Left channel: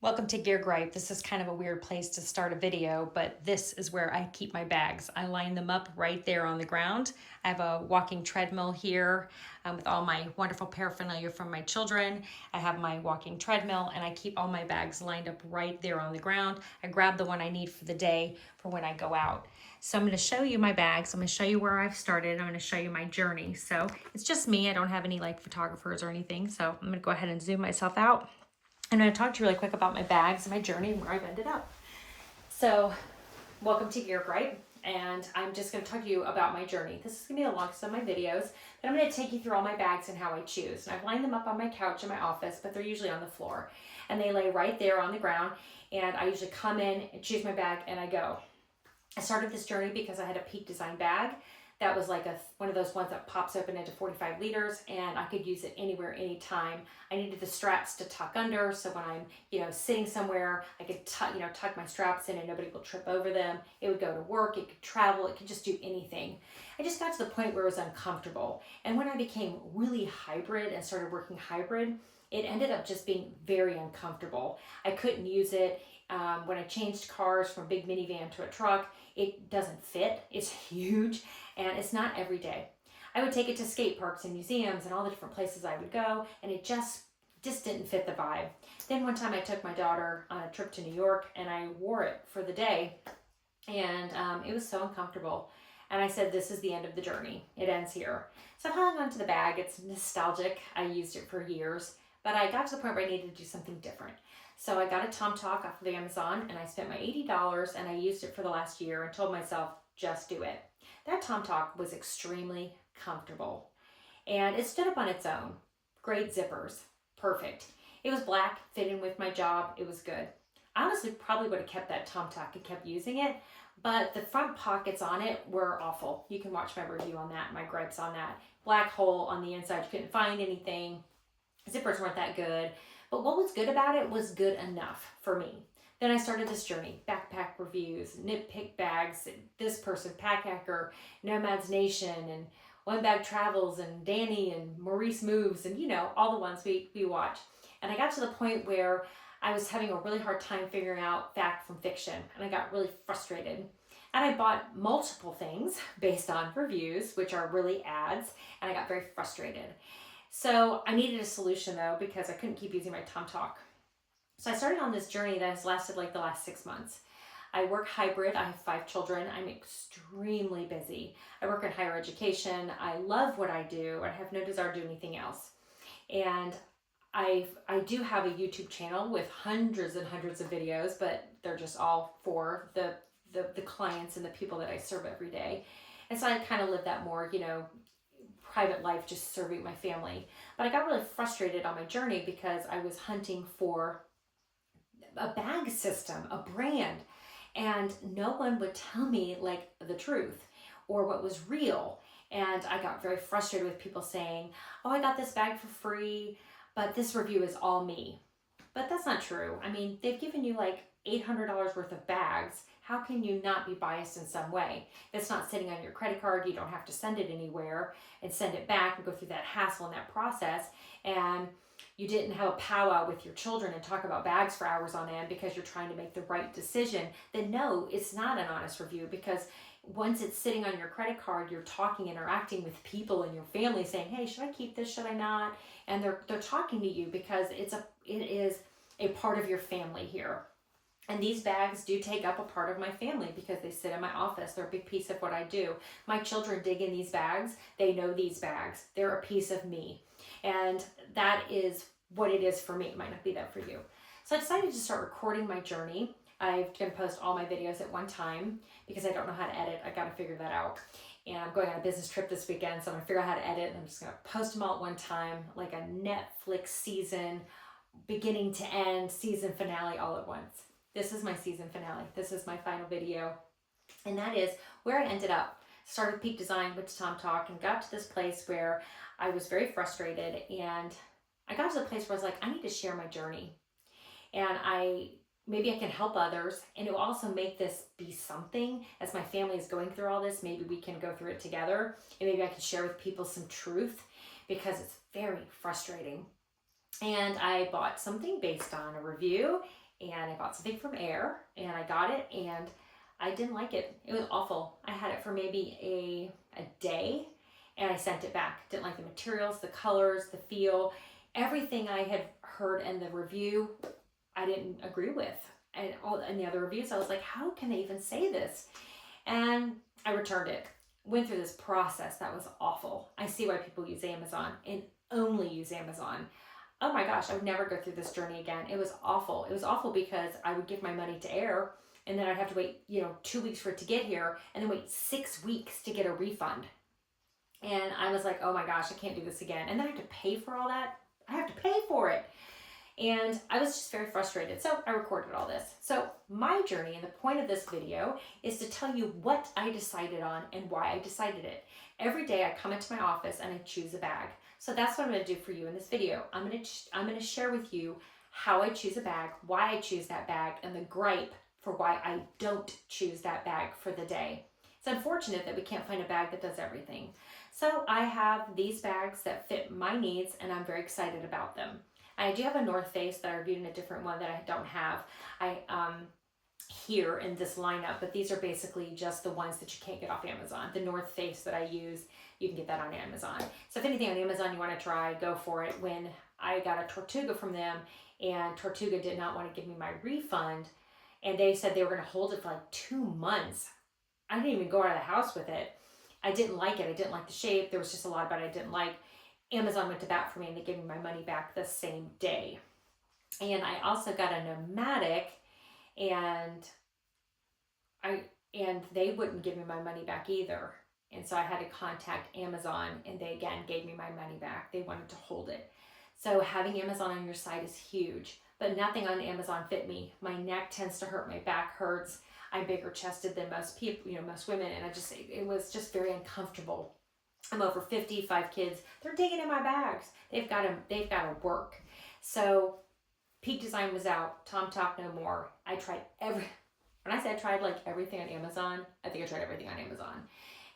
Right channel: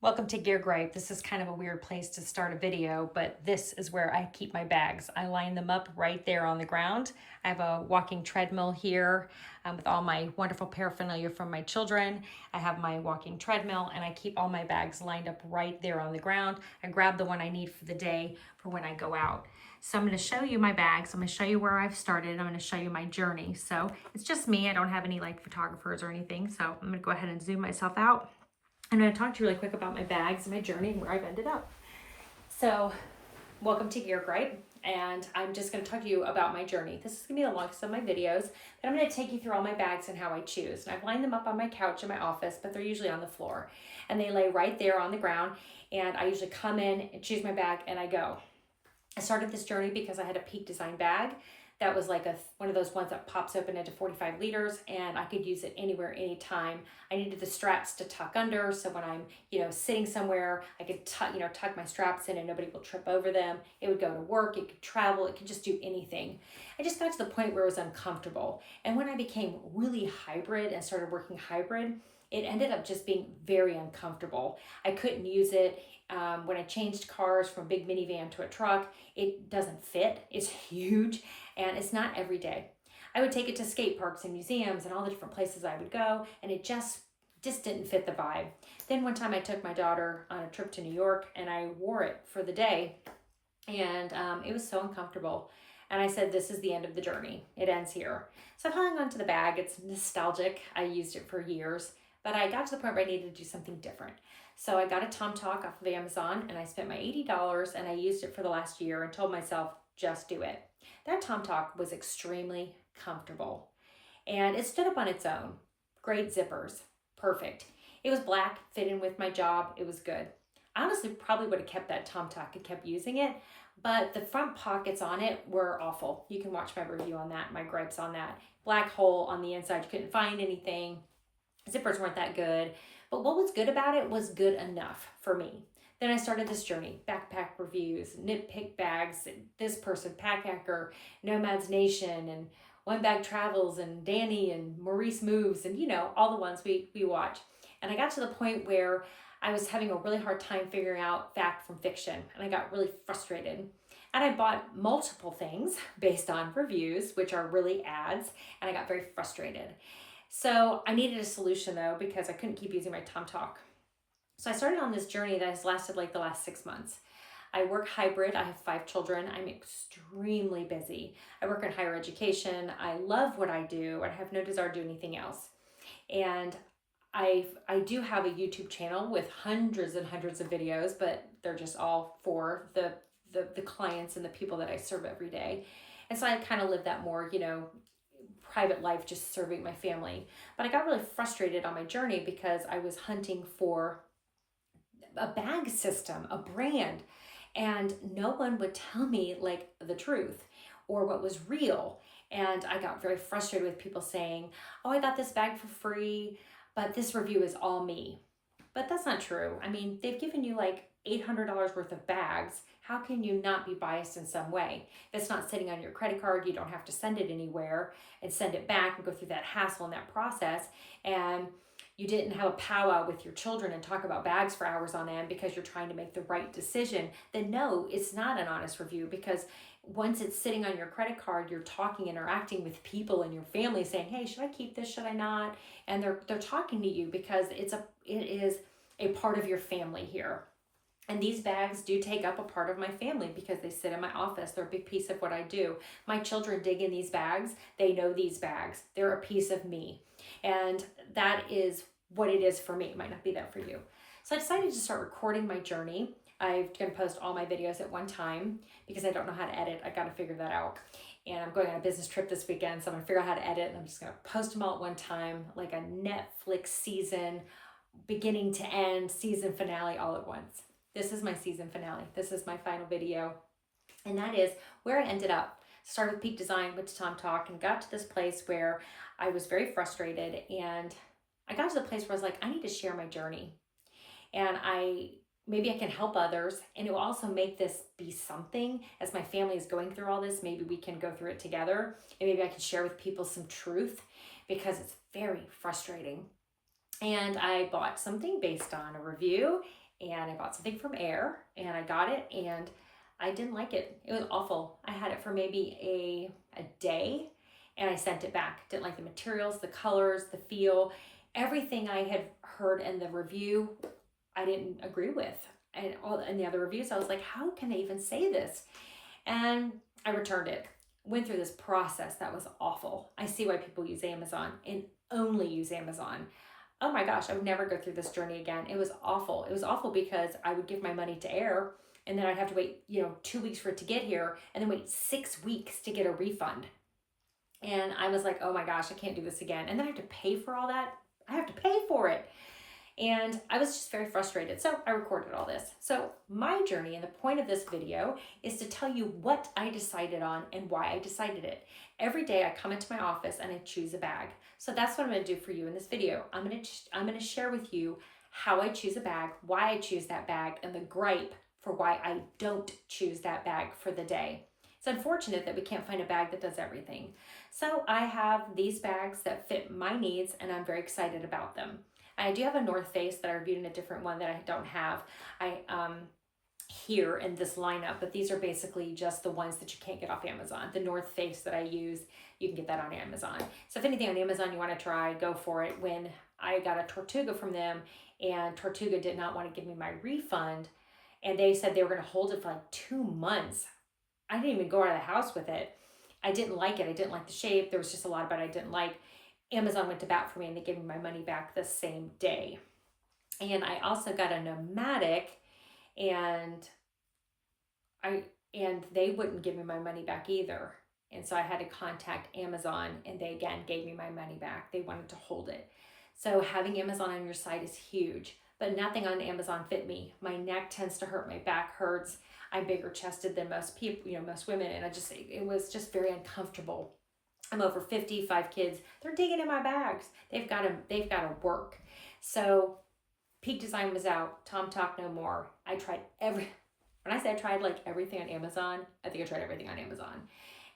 Welcome to Gear Gripe. This is kind of a weird place to start a video, but this is where I keep my bags. I line them up right there on the ground. I have a walking treadmill here with all my wonderful paraphernalia from my children. I have my walking treadmill and I keep all my bags lined up right there on the ground. I grab the one I need for the day for when I go out. So I'm going to show you my bags. I'm going to show you where I've started. I'm going to show you my journey. So it's just me. I don't have any like photographers or anything. So I'm going to go ahead and zoom myself out. I'm going to talk to you really quick about my bags and my journey and where I've ended up. So, welcome to Gear Gripe, and I'm just going to talk to you about my journey. This is going to be the longest of my videos, but I'm going to take you through all my bags and how I choose. And I've lined them up on my couch in my office, but they're usually on the floor. And they lay right there on the ground, and I usually come in and choose my bag and I go. I started this journey because I had a Peak Design bag that was like one of those ones that pops open into 45 liters, and I could use it anywhere, anytime. I needed the straps to tuck under, so when I'm, sitting somewhere, I could tuck my straps in and nobody will trip over them. It would go to work, it could travel, it could just do anything. I just got to the point where it was uncomfortable. And when I became really hybrid and started working hybrid, it ended up just being very uncomfortable. I couldn't use it. When I changed cars from a big minivan to a truck, it doesn't fit. It's huge and it's not every day. I would take it to skate parks and museums and all the different places I would go, and it just didn't fit the vibe. Then one time I took my daughter on a trip to New York and I wore it for the day, and it was so uncomfortable. And I said, this is the end of the journey. It ends here. So I've hung on to the bag. It's nostalgic. I used it for years, but I got to the point where I needed to do something different. So I got a TomTalk off of Amazon and I spent my $80 and I used it for the last year and told myself, just do it. That TomTalk was extremely comfortable and it stood up on its own. Great zippers, perfect. It was black, fit in with my job, it was good. I honestly probably would have kept that TomTalk and kept using it, but the front pockets on it were awful. You can watch my review on that, my gripes on that. Black hole on the inside, you couldn't find anything. Zippers weren't that good, but what was good about it was good enough for me. Then I started this journey, backpack reviews, nitpick bags, this person, Pack Hacker, Nomads Nation, and One Bag Travels, and Danny, and Maurice Moves, and all the ones we watch. And I got to the point where I was having a really hard time figuring out fact from fiction, and I got really frustrated. And I bought multiple things based on reviews, which are really ads, and I got very frustrated. So I needed a solution though, because I couldn't keep using my TomTalk. So I started on this journey that has lasted like the last 6 months. I work hybrid. I have 5 children. I'm extremely busy. I work in higher education. I love what I do. I have no desire to do anything else. And I do have a YouTube channel with hundreds and hundreds of videos, but they're just all for the clients and the people that I serve every day. And so I kind of live that more, private life, just serving my family. But I got really frustrated on my journey because I was hunting for a bag system, a brand, and no one would tell me like the truth or what was real. And I got very frustrated with people saying, oh, I got this bag for free, but this review is all me. But that's not true. I mean, they've given you like $800 worth of bags. How can you not be biased in some way? If it's not sitting on your credit card, you don't have to send it anywhere and send it back and go through that hassle and that process. And you didn't have a powwow with your children and talk about bags for hours on end because you're trying to make the right decision, then no, it's not an honest review, because once it's sitting on your credit card, you're talking, interacting with people in your family saying, hey, should I keep this? Should I not? And they're talking to you because it is a part of your family here. And these bags do take up a part of my family because they sit in my office. They're a big piece of what I do. My children dig in these bags. They know these bags. They're a piece of me. And that is what it is for me. It might not be that for you. So I decided to start recording my journey. I'm going to post all my videos at one time because I don't know how to edit. I got to figure that out. And I'm going on a business trip this weekend, so I'm going to figure out how to edit. And I'm just going to post them all at one time, like a Netflix season, beginning to end, season finale all at once. This is my season finale. This is my final video. And that is where I ended up. Started with Peak Design, went to TomTalk, and got to this place where I was very frustrated. And I got to the place where I was like, I need to share my journey. And maybe I can help others. And it will also make this be something as my family is going through all this. Maybe we can go through it together. And maybe I can share with people some truth, because it's very frustrating. And I bought something based on a review, and I bought something from Air, and I got it, and I didn't like it. It was awful. I had it for maybe a day, and I sent it back. Didn't like the materials, the colors, the feel, everything I had heard in the review, I didn't agree with. And all in the other reviews, I was like, how can they even say this? And I returned it. Went through this process that was awful. I see why people use Amazon and only use Amazon. Oh my gosh, I would never go through this journey again. It was awful. It was awful because I would give my money to Air, and then I'd have to wait, 2 weeks for it to get here, and then wait 6 weeks to get a refund. And I was like, oh my gosh, I can't do this again. And then I have to pay for all that. I have to pay for it. And I was just very frustrated. So I recorded all this. So my journey and the point of this video is to tell you what I decided on and why I decided it. Every day I come into my office and I choose a bag. So that's what I'm going to do for you in this video. I'm going to share with you how I choose a bag, why I choose that bag, and the gripe for why I don't choose that bag for the day. It's unfortunate that we can't find a bag that does everything. So I have these bags that fit my needs, and I'm very excited about them. I do have a North Face that I reviewed in a different one that I don't have here in this lineup, but these are basically just the ones that you can't get off Amazon. The North Face that I use, you can get that on Amazon. So if anything on Amazon you want to try, go for it. When I got a Tortuga from them, and Tortuga did not want to give me my refund, and they said they were going to hold it for like 2 months. I didn't even go out of the house with it. I didn't like it. I didn't like the shape. There was just a lot about it I didn't like. Amazon went to bat for me, and they gave me my money back the same day. And I also got a Nomadic, and they wouldn't give me my money back either. And so I had to contact Amazon, and they again gave me my money back. They wanted to hold it. So having Amazon on your site is huge, but nothing on Amazon fit me. My neck tends to hurt, my back hurts. I'm bigger chested than most people, most women, and it was just very uncomfortable. I'm over 50, 5 kids. They're digging in my bags. They've got to work. So Peak Design was out. Tom Talk No More. I tried when I say I tried like everything on Amazon, I think I tried everything on Amazon.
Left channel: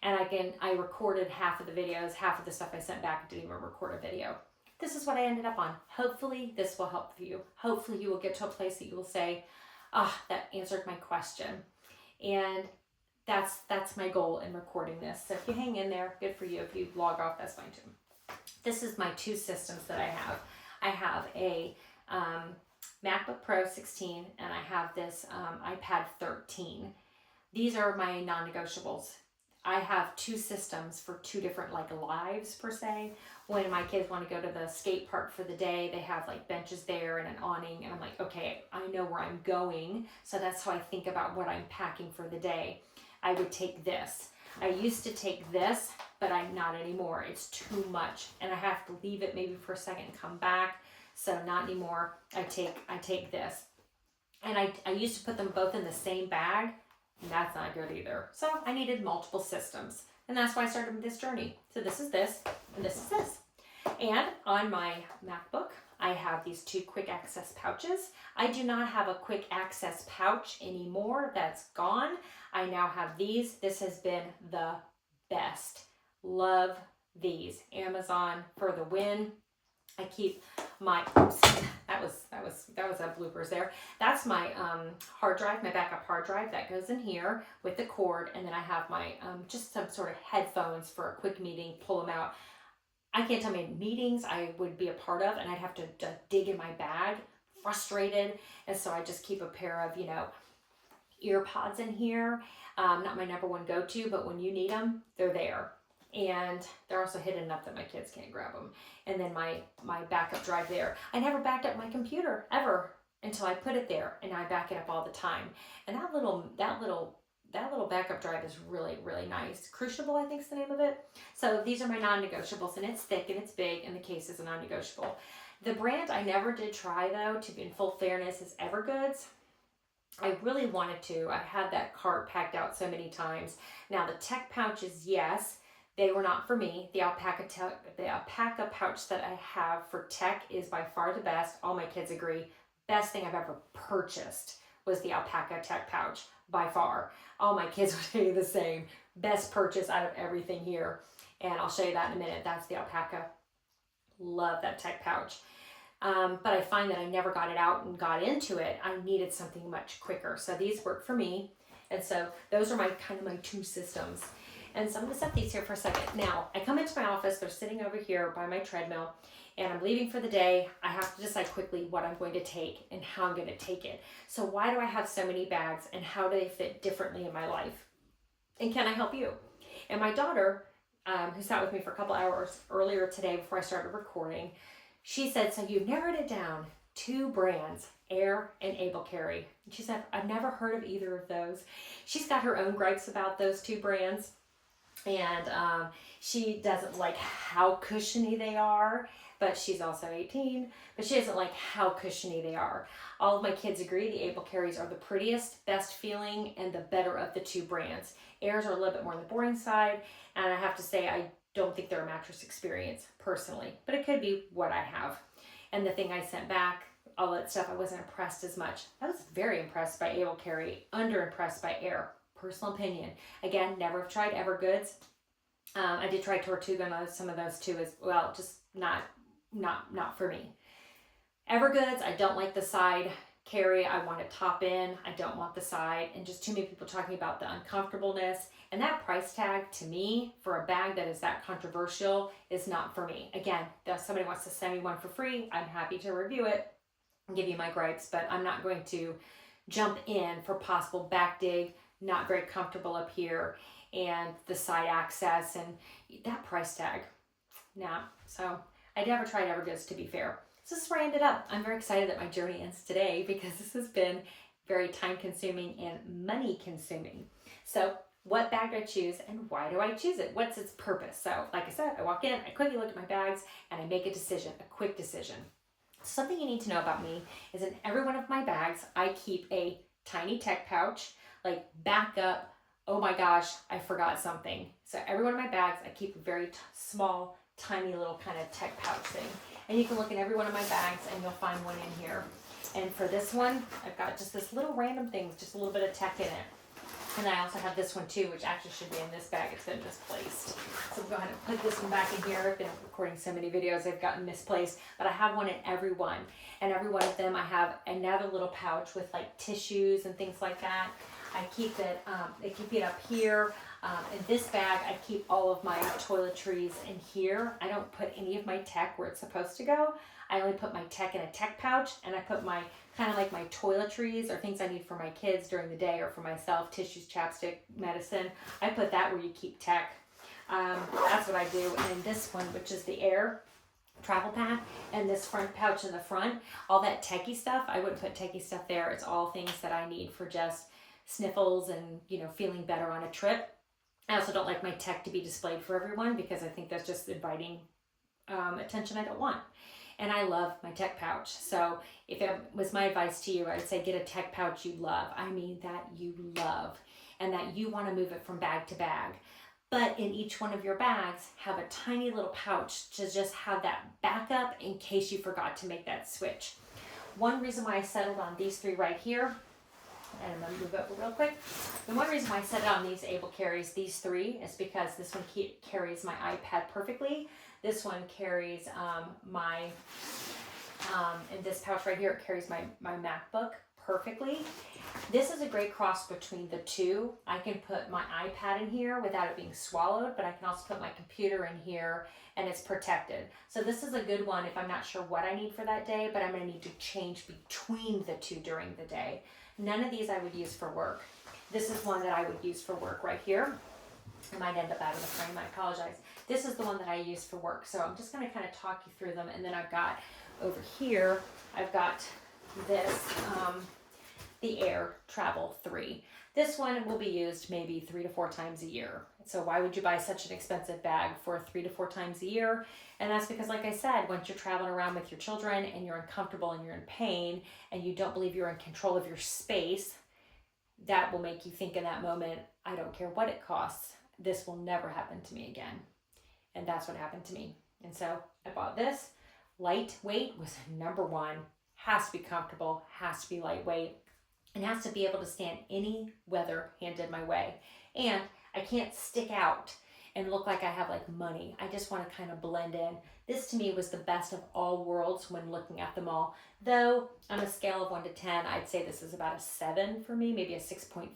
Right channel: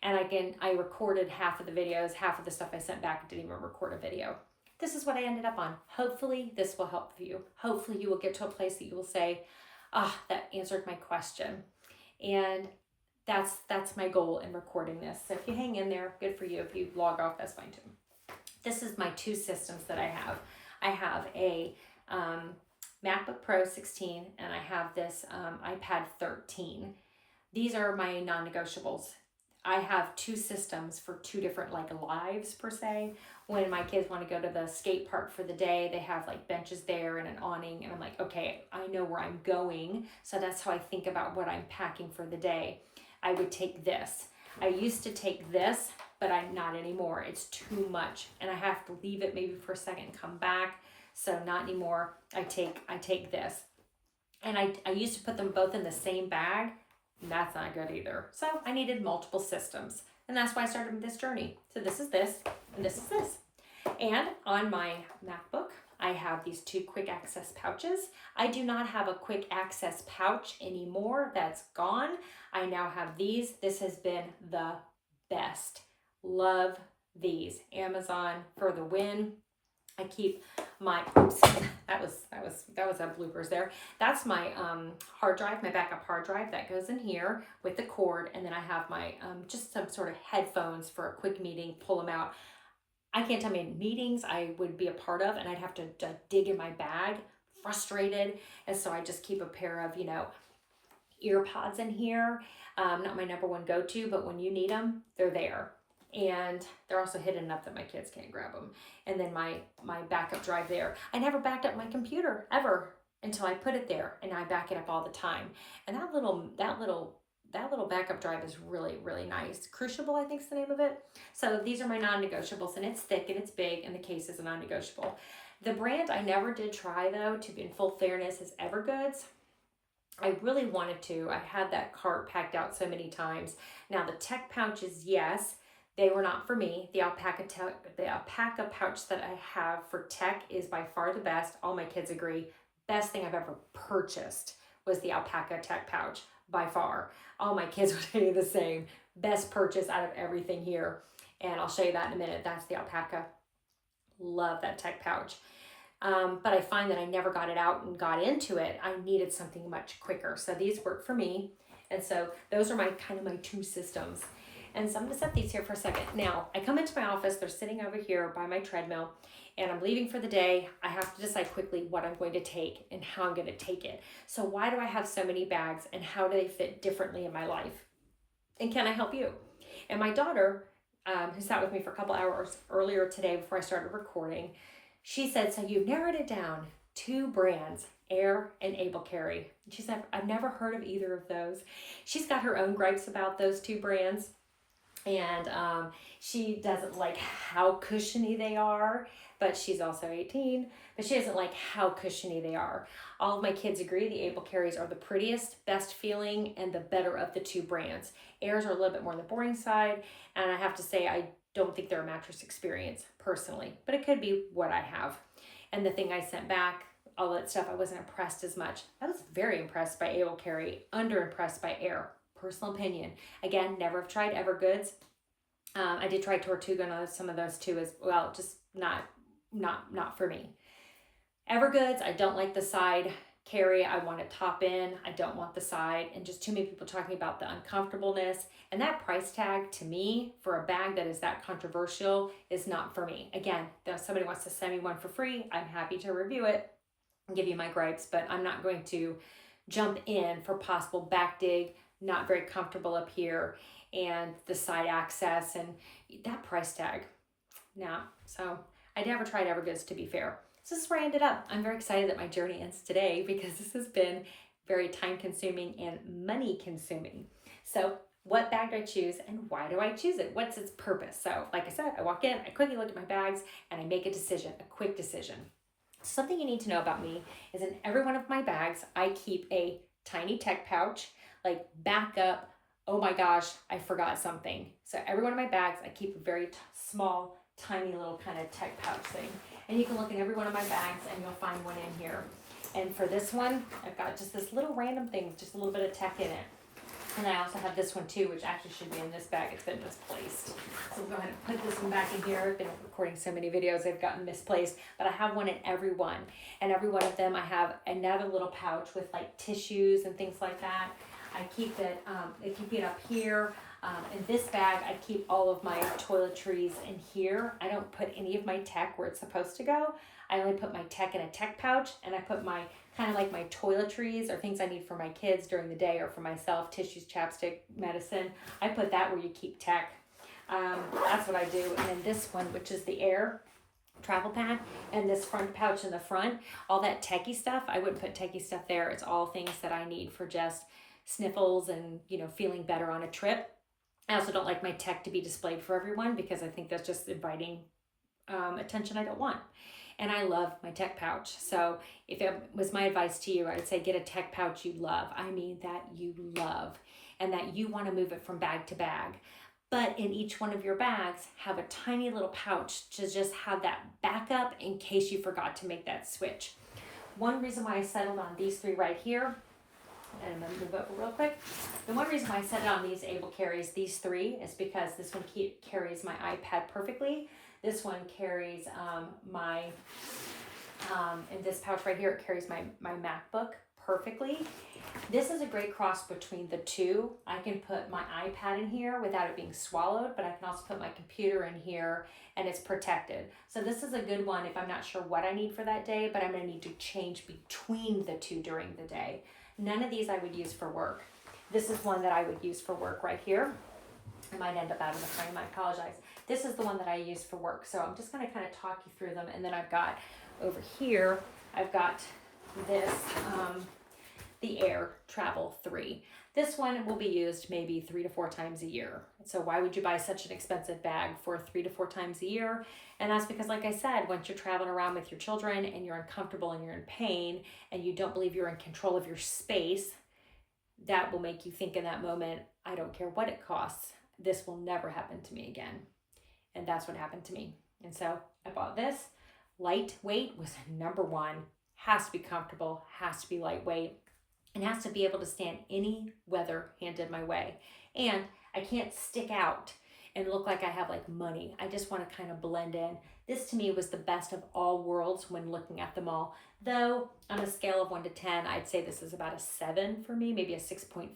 And I recorded half of the videos, half of the stuff I sent back. I didn't even record a video. This is what I ended up on. Hopefully this will help you. Hopefully you will get to a place that you will say, that answered my question. And that's my goal in recording this. So if you hang in there, good for you. If you log off, that's fine too. This is my 2 systems that I have. I have a MacBook Pro 16, and I have this iPad 13. These are my non-negotiables. I have 2 systems for 2 different lives per se. When my kids want to go to the skate park for the day, they have benches there and an awning, and I'm like, okay, I know where I'm going. So that's how I think about what I'm packing for the day. I would take this. I used to take this, but I'm not anymore. It's too much, and I have to leave it maybe for a second and come back. So not anymore. I take this, and I used to put them both in the same bag, and that's not good either. So I needed multiple systems, and that's why I started this journey. So this is this, and this is this. And on my MacBook, I have these 2 quick access pouches. I do not have a quick access pouch anymore. That's gone. I now have these. This has been the best. Love these. Amazon for the win. I keep my, oops, that was a bloopers there. That's my hard drive, my backup hard drive that goes in here with the cord. And then I have my, just some sort of headphones for a quick meeting, pull them out. I can't tell me meetings I would be a part of, and I'd have to dig in my bag, frustrated. And so I just keep a pair of, ear pods in here. Not my number one go-to, but when you need them, they're there. And they're also hidden enough that my kids can't grab them. And then my backup drive there. I never backed up my computer ever until I put it there, and I back it up all the time. And that little backup drive is really, really nice. Crucible, I think is the name of it. So these are my non-negotiables, and it's thick and it's big, and the case is a non-negotiable. The brand I never did try though, to be in full fairness, is Evergoods. I really wanted to. I had that cart packed out so many times. Now the tech pouches, yes, they were not for me. The alpaca pouch that I have for tech is by far the best. All my kids agree. Best thing I've ever purchased was the alpaca tech pouch, by far. All my kids would tell you the same. Best purchase out of everything here. And I'll show you that in a minute. That's the alpaca. Love that tech pouch. but I find that I never got it out and got into it. I needed something much quicker. So these work for me. And so those are my kind of my two systems. And so I'm gonna set these here for a second. Now, I come into my office, they're sitting over here by my treadmill, and I'm leaving for the day. I have to decide quickly what I'm going to take and how I'm gonna take it. So why do I have so many bags, and how do they fit differently in my life? And can I help you? And my daughter, who sat with me for a couple hours earlier today before I started recording, she said, so you've narrowed it down, 2 brands, Air and Able Carry. She said, I've never heard of either of those. She's got her own gripes about those 2 brands. And she doesn't like how cushiony they are, but she's also 18, but she doesn't like how cushiony they are. All of my kids agree the Able Carries are the prettiest, best feeling, and the better of the 2 brands. Airs are a little bit more on the boring side, and I have to say I don't think they're a mattress experience personally, but it could be what I have. And the thing I sent back, all that stuff, I wasn't impressed as much. I was very impressed by Able Carry, under impressed by Air. Personal opinion. Again, never have tried Evergoods. I did try Tortuga and some of those too as well, just not for me. Evergoods, I don't like the side carry. I want to top in. I don't want the side, and just too many people talking about the uncomfortableness, and that price tag to me for a bag that is that controversial is not for me. Again, if somebody wants to send me one for free, I'm happy to review it and give you my gripes, but I'm not going to jump in for possible back dig, not very comfortable up here, and the side access and that price tag. Now, so I never tried Evergoods, to be fair. So this is where I ended up. I'm very excited that my journey ends today because this has been very time consuming and money consuming. So what bag do I choose, and why do I choose it? What's its purpose? So like I said, I walk in, I quickly look at my bags, and I make a decision, a quick decision. Something you need to know about me is in every one of my bags, I keep a tiny tech pouch, like backup, oh my gosh, I forgot something. So every one of my bags, I keep a very small, tiny little kind of tech pouch thing. And you can look in every one of my bags and you'll find one in here. And for this one, I've got just this little random thing, just a little bit of tech in it. And I also have this one too, which actually should be in this bag. It's been misplaced. So we'll go ahead and put this one back in here. I've been recording so many videos, they've gotten misplaced, but I have one in every one. And every one of them, I have another little pouch with like tissues and things like that. I keep it up here. In this bag, I keep all of my toiletries in here. I don't put any of my tech where it's supposed to go. I only put my tech in a tech pouch, and I put my kind of like my toiletries or things I need for my kids during the day or for myself, tissues, chapstick, medicine. I put that where you keep tech. That's what I do. And this one, which is the Air travel pack, and this front pouch in the front, all that techie stuff, I wouldn't put techie stuff there. It's all things that I need for just sniffles and, you know, feeling better on a trip. I also don't like my tech to be displayed for everyone because I think that's just inviting attention I don't want. And I love my tech pouch. So if it was my advice to you, I would say get a tech pouch you love. I mean that you love, and that you want to move it from bag to bag. But in each one of your bags, have a tiny little pouch to just have that backup in case you forgot to make that switch. One reason why I settled on these 3 right here, and I'm going to move it real quick. The one reason why I set it on these Able Carries, these 3, is because this one carries my iPad perfectly. This one carries in this pouch right here, it carries my MacBook perfectly. This is a great cross between the 2. I can put my iPad in here without it being swallowed, but I can also put my computer in here and it's protected. So this is a good one if I'm not sure what I need for that day, but I'm going to need to change between the 2 during the day. None of these I would use for work. This is one that I would use for work right here. It might end up out of the frame, I apologize. This is the one that I use for work. So I'm just going to kind of talk you through them. And then I've got over here, I've got this, the Air Travel 3. This one will be used maybe 3 to 4 times a year. So why would you buy such an expensive bag for 3 to 4 times a year? And that's because, like I said, once you're traveling around with your children and you're uncomfortable and you're in pain and you don't believe you're in control of your space, that will make you think in that moment, I don't care what it costs, this will never happen to me again. And that's what happened to me. And so I bought this. Lightweight was number 1. Has to be comfortable, has to be lightweight, and has to be able to stand any weather handed my way. And I can't stick out. and look like I have like money. I just want to kind of blend in. This to me was the best of all worlds when looking at them all. Though on a scale of 1 to 10, I'd say this is about a 7 for me, maybe a 6.5.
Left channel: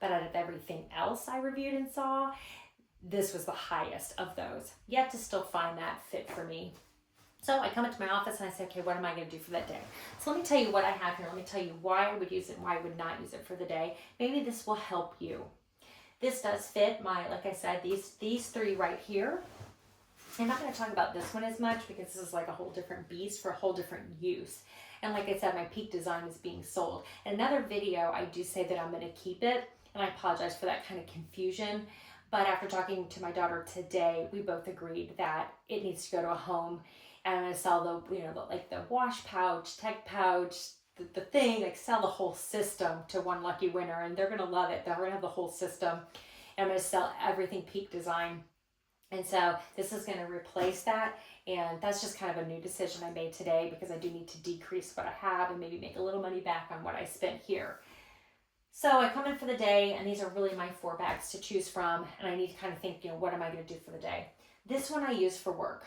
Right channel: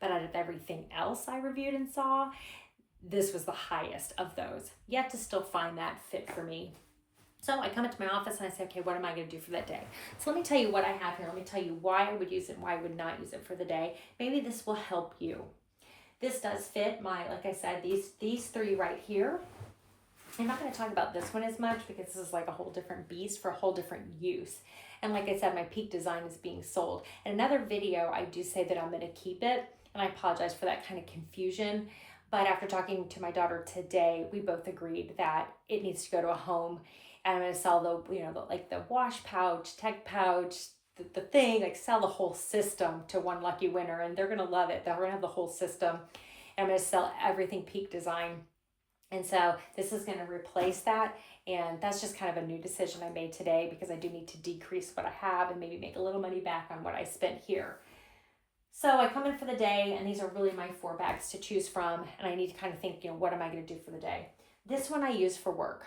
But out of everything else I reviewed and saw, this was the highest of those. Yet to still find that fit for me. So I come into my office and I say, okay, what am I going to do for that day? So let me tell you what I have here. Let me tell you why I would use it and why I would not use it for the day. Maybe this will help you. This does fit my, like I said, these three right here. I'm not going to talk about this one as much because this is like a whole different beast for a whole different use. And like I said, my peak design is being sold. In another video, I do say that I'm going to keep it. And I apologize for that kind of confusion. But after talking to my daughter today, we both agreed that it needs to go to a home. And I'm going to sell the wash pouch, tech pouch, the thing, like sell the whole system to one lucky winner. And they're going to love it. They're going to have the whole system. And I'm going to sell everything peak design. And so this is going to replace that. And that's just kind of a new decision I made today because I do need to decrease what I have and maybe make a little money back on what I spent here. So I come in for the day, and these are really my 4 bags to choose from. And I need to kind of think, what am I going to do for the day? This one I use for work.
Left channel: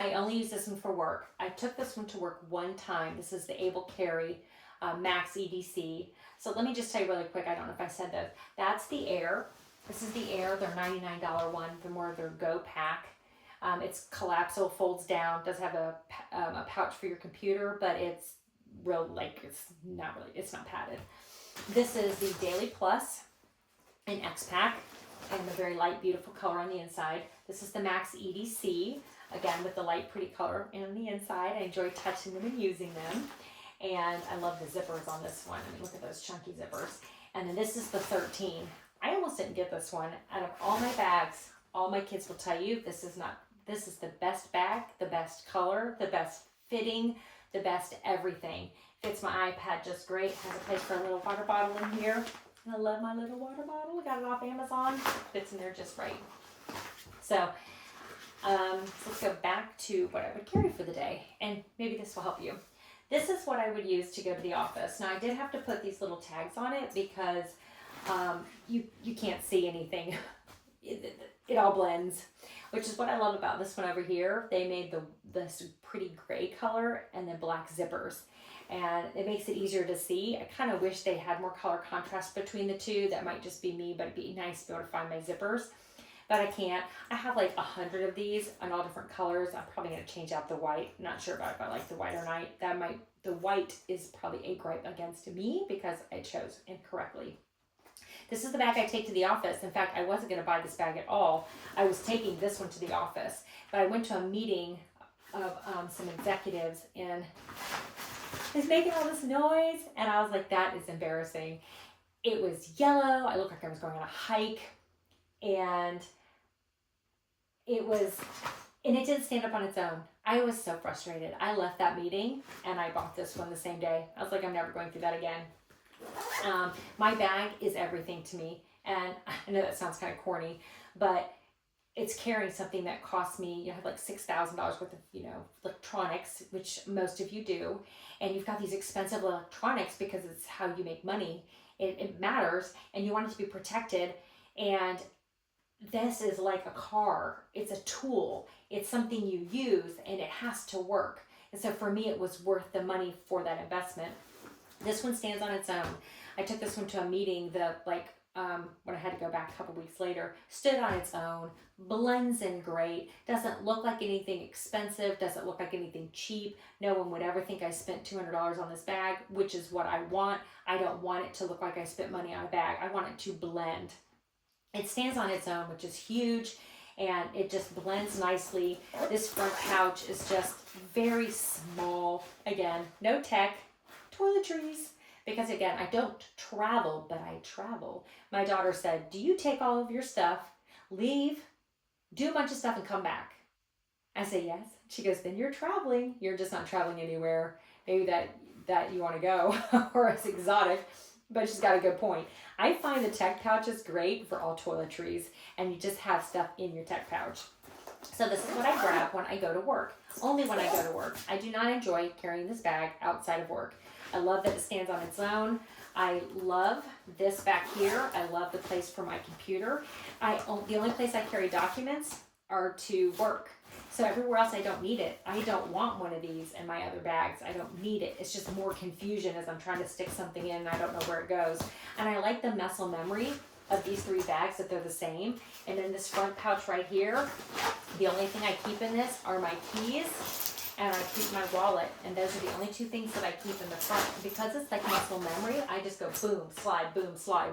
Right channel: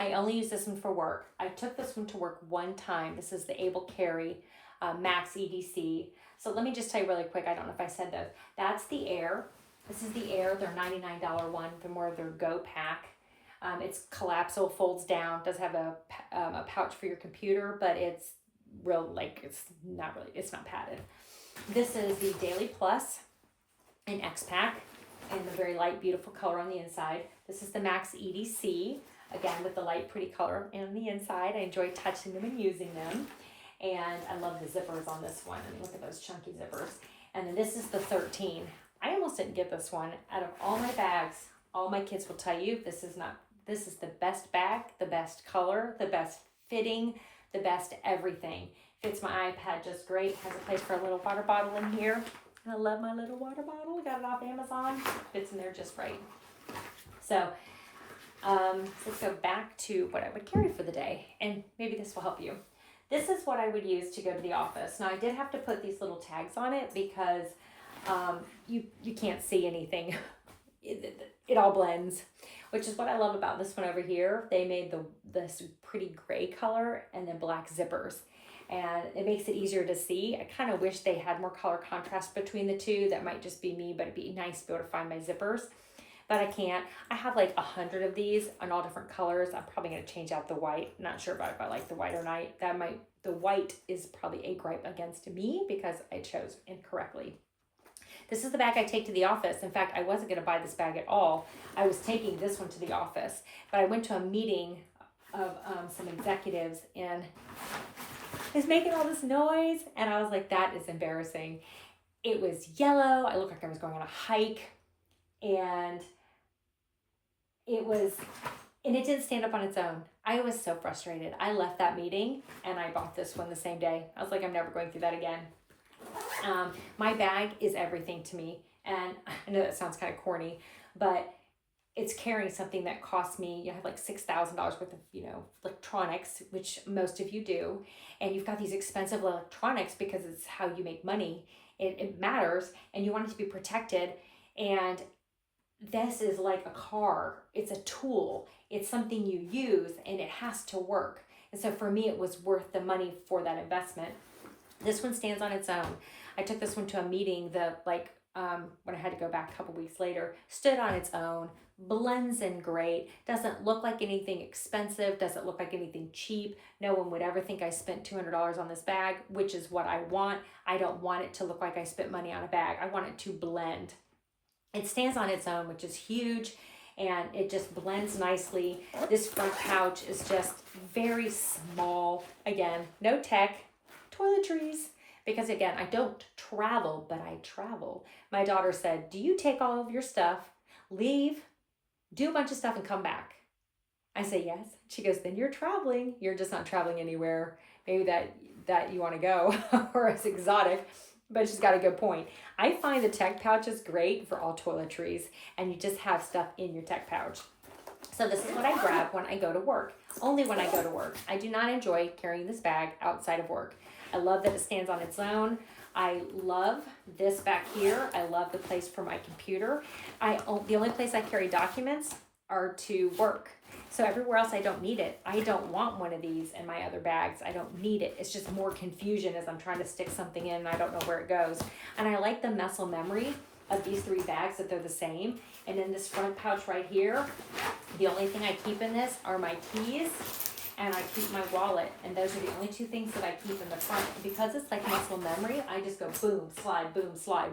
I only use this one for work. I took this one to work one time. This is the Able Carry Max EDC. So let me just tell you really quick. I don't know if I said those. That's the Air. This is the Air. They're $99 one. They're more of their Go Pack. It's collapsible, folds down. Does have a pouch for your computer, but it's real it's not padded. This is the Daily Plus in X Pack, and a very light, beautiful color on the inside. This is the Max EDC. Again, with the light, pretty color on the inside. I enjoy touching them and using them. And I love the zippers on this one. I mean, look at those chunky zippers. And then this is the 13. I almost didn't get this one. Out of all my bags, all my kids will tell you, this is the best bag, the best color, the best fitting, the best everything. Fits my iPad just great. Has a place for a little water bottle in here. And I love my little water bottle. I got it off Amazon. Fits in there just right. So let's go back to what I would carry for the day, and maybe this will help you. This is what I would use to go to the office. Now I did have to put these little tags on it because you can't see anything. It all blends, which is what I love about this one over here. They made this pretty gray color and then black zippers, and it makes it easier to see. I kind of wish they had more color contrast between the two. That might just be me, but it'd be nice to be able to find my zippers. But I can't. I have like 100 of these in all different colors. I'm probably going to change out the white. Not sure about if I like the white or not. The white is probably a gripe against me because I chose incorrectly. This is the bag I take to the office. In fact, I wasn't going to buy this bag at all. I was taking this one to the office. But I went to a meeting of some executives, and it's making all this noise. And I was like, that is embarrassing. It was yellow. I looked like I was going on a hike. And it didn't stand up on its own. I was so frustrated. I left that meeting and I bought this one the same day. I was like, I'm never going through that again. My bag is everything to me. And I know that sounds kind of corny, but it's carrying something that costs me, you have like $6,000 worth of, electronics, which most of you do. And you've got these expensive electronics because it's how you make money. It matters, and you want it to be protected. And this is like a car. It's a tool. It's something you use, and it has to work. And so for me, it was worth the money for that investment. This one stands on its own. I took this one to a meeting when I had to go back a couple weeks later, stood on its own, blends in great, doesn't look like anything expensive, doesn't look like anything cheap. No one would ever think I spent $200 on this bag, which is what I want. I don't want it to look like I spent money on a bag. I want it to blend. It stands on its own, which is huge, and it just blends nicely. This front pouch is just very small. Again, no tech, toiletries, because again, I don't travel, but I travel. My daughter said, do you take all of your stuff, leave, do a bunch of stuff, and come back? I say, yes. She goes, then you're traveling. You're just not traveling anywhere. Maybe that you want to go, or it's exotic. But she's got a good point. I find the tech pouch is great for all toiletries, and you just have stuff in your tech pouch. So this is what I grab when I go to work. Only when I go to work. I do not enjoy carrying this bag outside of work. I love that it stands on its own. I love this back here. I love the place for my computer. The only place I carry documents are to work. So everywhere else I don't need it. I don't want one of these in my other bags. I don't need it. It's just more confusion as I'm trying to stick something in and I don't know where it goes. And I like the muscle memory of these 3 bags, that they're the same. And in this front pouch right here, the only thing I keep in this are my keys and I keep my wallet. And those are the only 2 things that I keep in the front. And because it's like muscle memory, I just go boom, slide, boom, slide,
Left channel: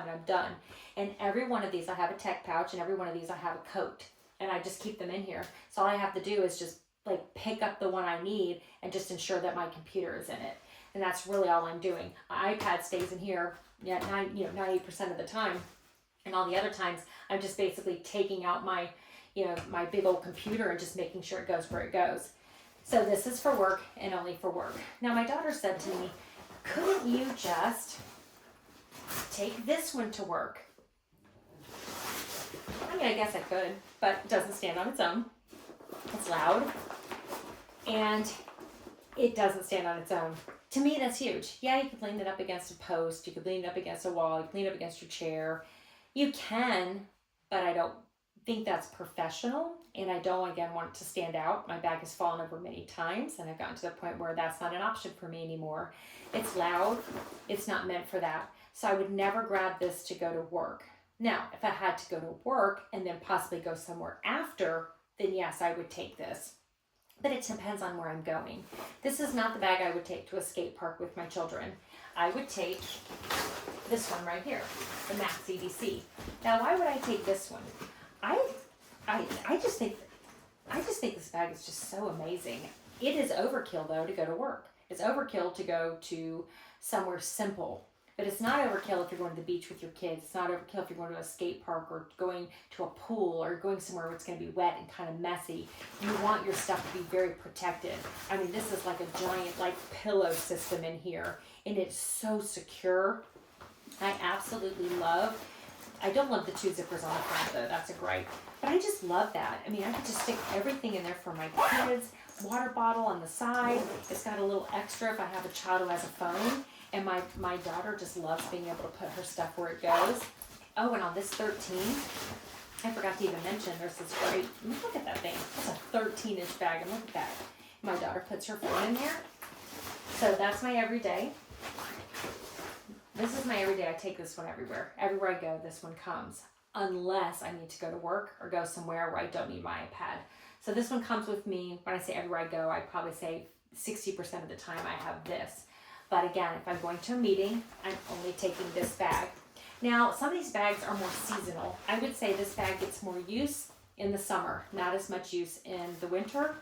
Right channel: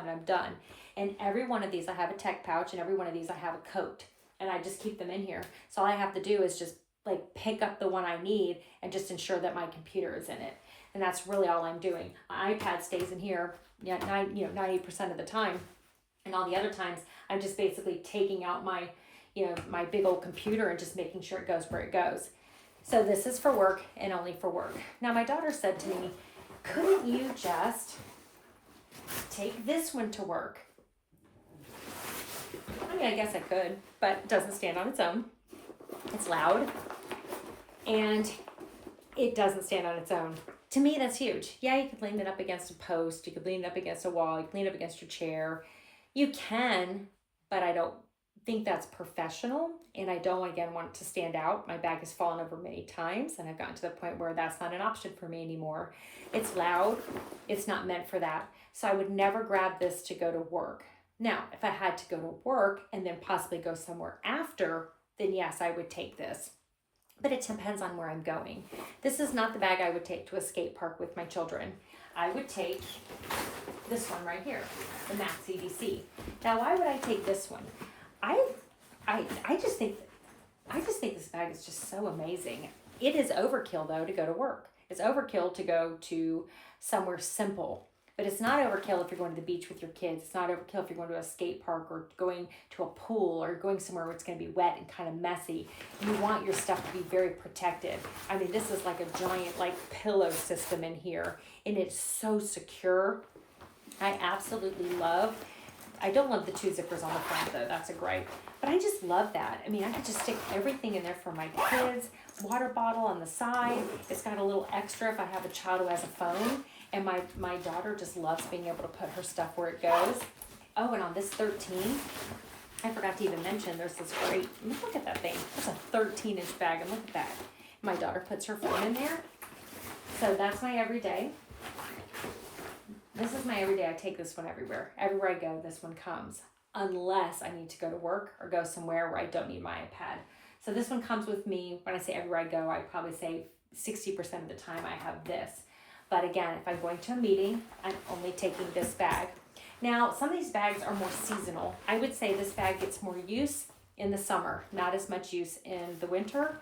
and I'm done. And every one of these, I have a tech pouch, and every one of these I have a coat. And I just keep them in here. So all I have to do is just like pick up the one I need and just ensure that my computer is in it. And that's really all I'm doing. My iPad stays in here 90% of the time. And all the other times I'm just basically taking out my, my big old computer and just making sure it goes where it goes. So this is for work and only for work. Now my daughter said to me, couldn't you just take this one to work? I mean, I guess I could, but it doesn't stand on its own. It's loud, and it doesn't stand on its own. To me, that's huge. Yeah, you could lean it up against a post. You could lean it up against a wall. You could lean it up against your chair. You can, but I don't think that's professional, and I don't, again, want it to stand out. My bag has fallen over many times, and I've gotten to the point where that's not an option for me anymore. It's loud. It's not meant for that. So I would never grab this to go to work. Now, if I had to go to work and then possibly go somewhere after, then yes, I would take this. But it depends on where I'm going. This is not the bag I would take to a skate park with my children. I would take this one right here, the Max EDC. Now, why would I take this one? I just think this bag is just so amazing. It is overkill though to go to work. It's overkill to go to somewhere simple. But it's not overkill if you're going to the beach with your kids. It's not overkill if you're going to a skate park or going to a pool or going somewhere where it's going to be wet and kind of messy. You want your stuff to be very protected. I mean, this is like a giant like pillow system in here, and it's so secure. I absolutely love. I don't love the 2 zippers on the front though. That's a gripe. But I just love that. I mean, I could just stick everything in there for my kids. Water bottle on the side. It's got a little extra if I have a child who has a phone. And my daughter just loves being able to put her stuff where it goes. Oh, and on this 13, I forgot to even mention, there's this great, look at that thing. It's a 13-inch bag, and look at that. My daughter puts her phone in there. So that's my everyday. This is my everyday. I take this one everywhere. Everywhere I go, this one comes. Unless I need to go to work or go somewhere where I don't need my iPad. So this one comes with me. When I say everywhere I go, I'd probably say 60% of the time I have this. But again, if I'm going to a meeting, I'm only taking this bag. Now, some of these bags are more seasonal. I would say this bag gets more use in the summer, not as much use in the winter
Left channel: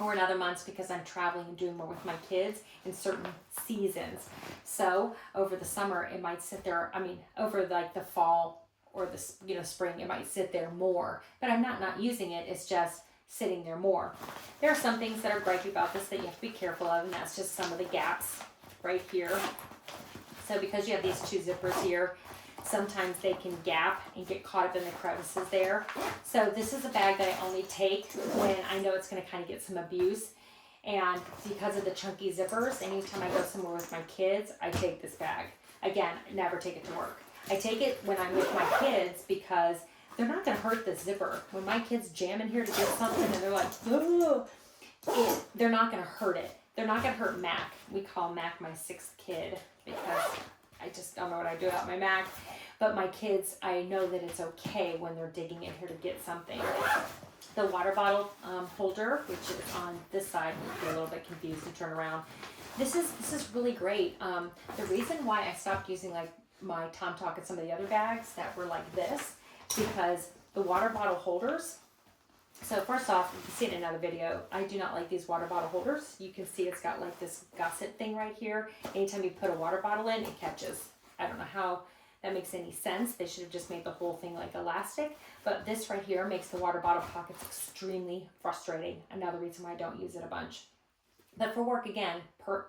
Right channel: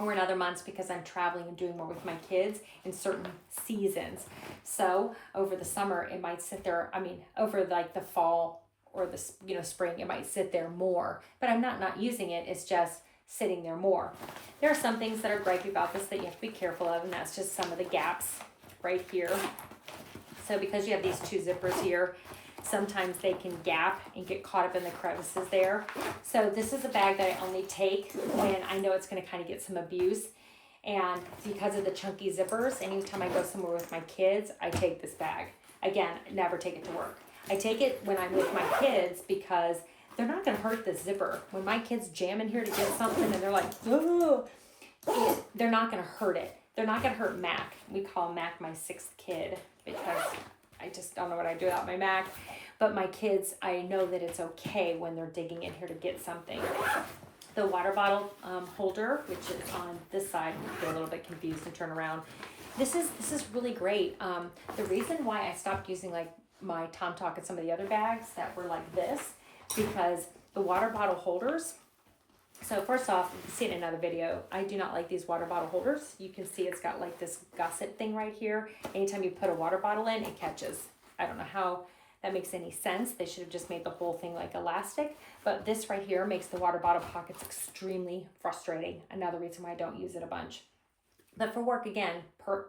or in other months because I'm traveling and doing more with my kids in certain seasons. So over the summer, it might sit there, over like the fall or the spring, it might sit there more. But I'm not using it, it's just sitting there more. There are some things that are gripey about this that you have to be careful of, and that's just some of the gaps right here. So because you have these 2 zippers here, sometimes they can gap and get caught up in the crevices there. So this is a bag that I only take when I know it's going to kind of get some abuse. And because of the chunky zippers, anytime I go somewhere with my kids, I take this bag. Again, never take it to work. I take it when I'm with my kids because they're not going to hurt the zipper. When my kids jam in here to get something and they're like, oh, they're not going to hurt it. They're not going to hurt Mac. We call Mac my 6th kid because I just don't know what I do without my Mac. But my kids, I know that it's okay when they're digging in here to get something. The water bottle holder, which is on this side, you get a little bit confused and turn around. This is really great. The reason why I stopped using like my Tom Talk and some of the other bags that were like this, because the water bottle holders, so first off, you can see it in another video, I do not like these water bottle holders. You can see it's got like this gusset thing right here. Anytime you put a water bottle in, it catches. I don't know how that makes any sense. They should have just made the whole thing like elastic. But this right here makes the water bottle pockets extremely frustrating. Another reason why I don't use it a bunch. But for work, again,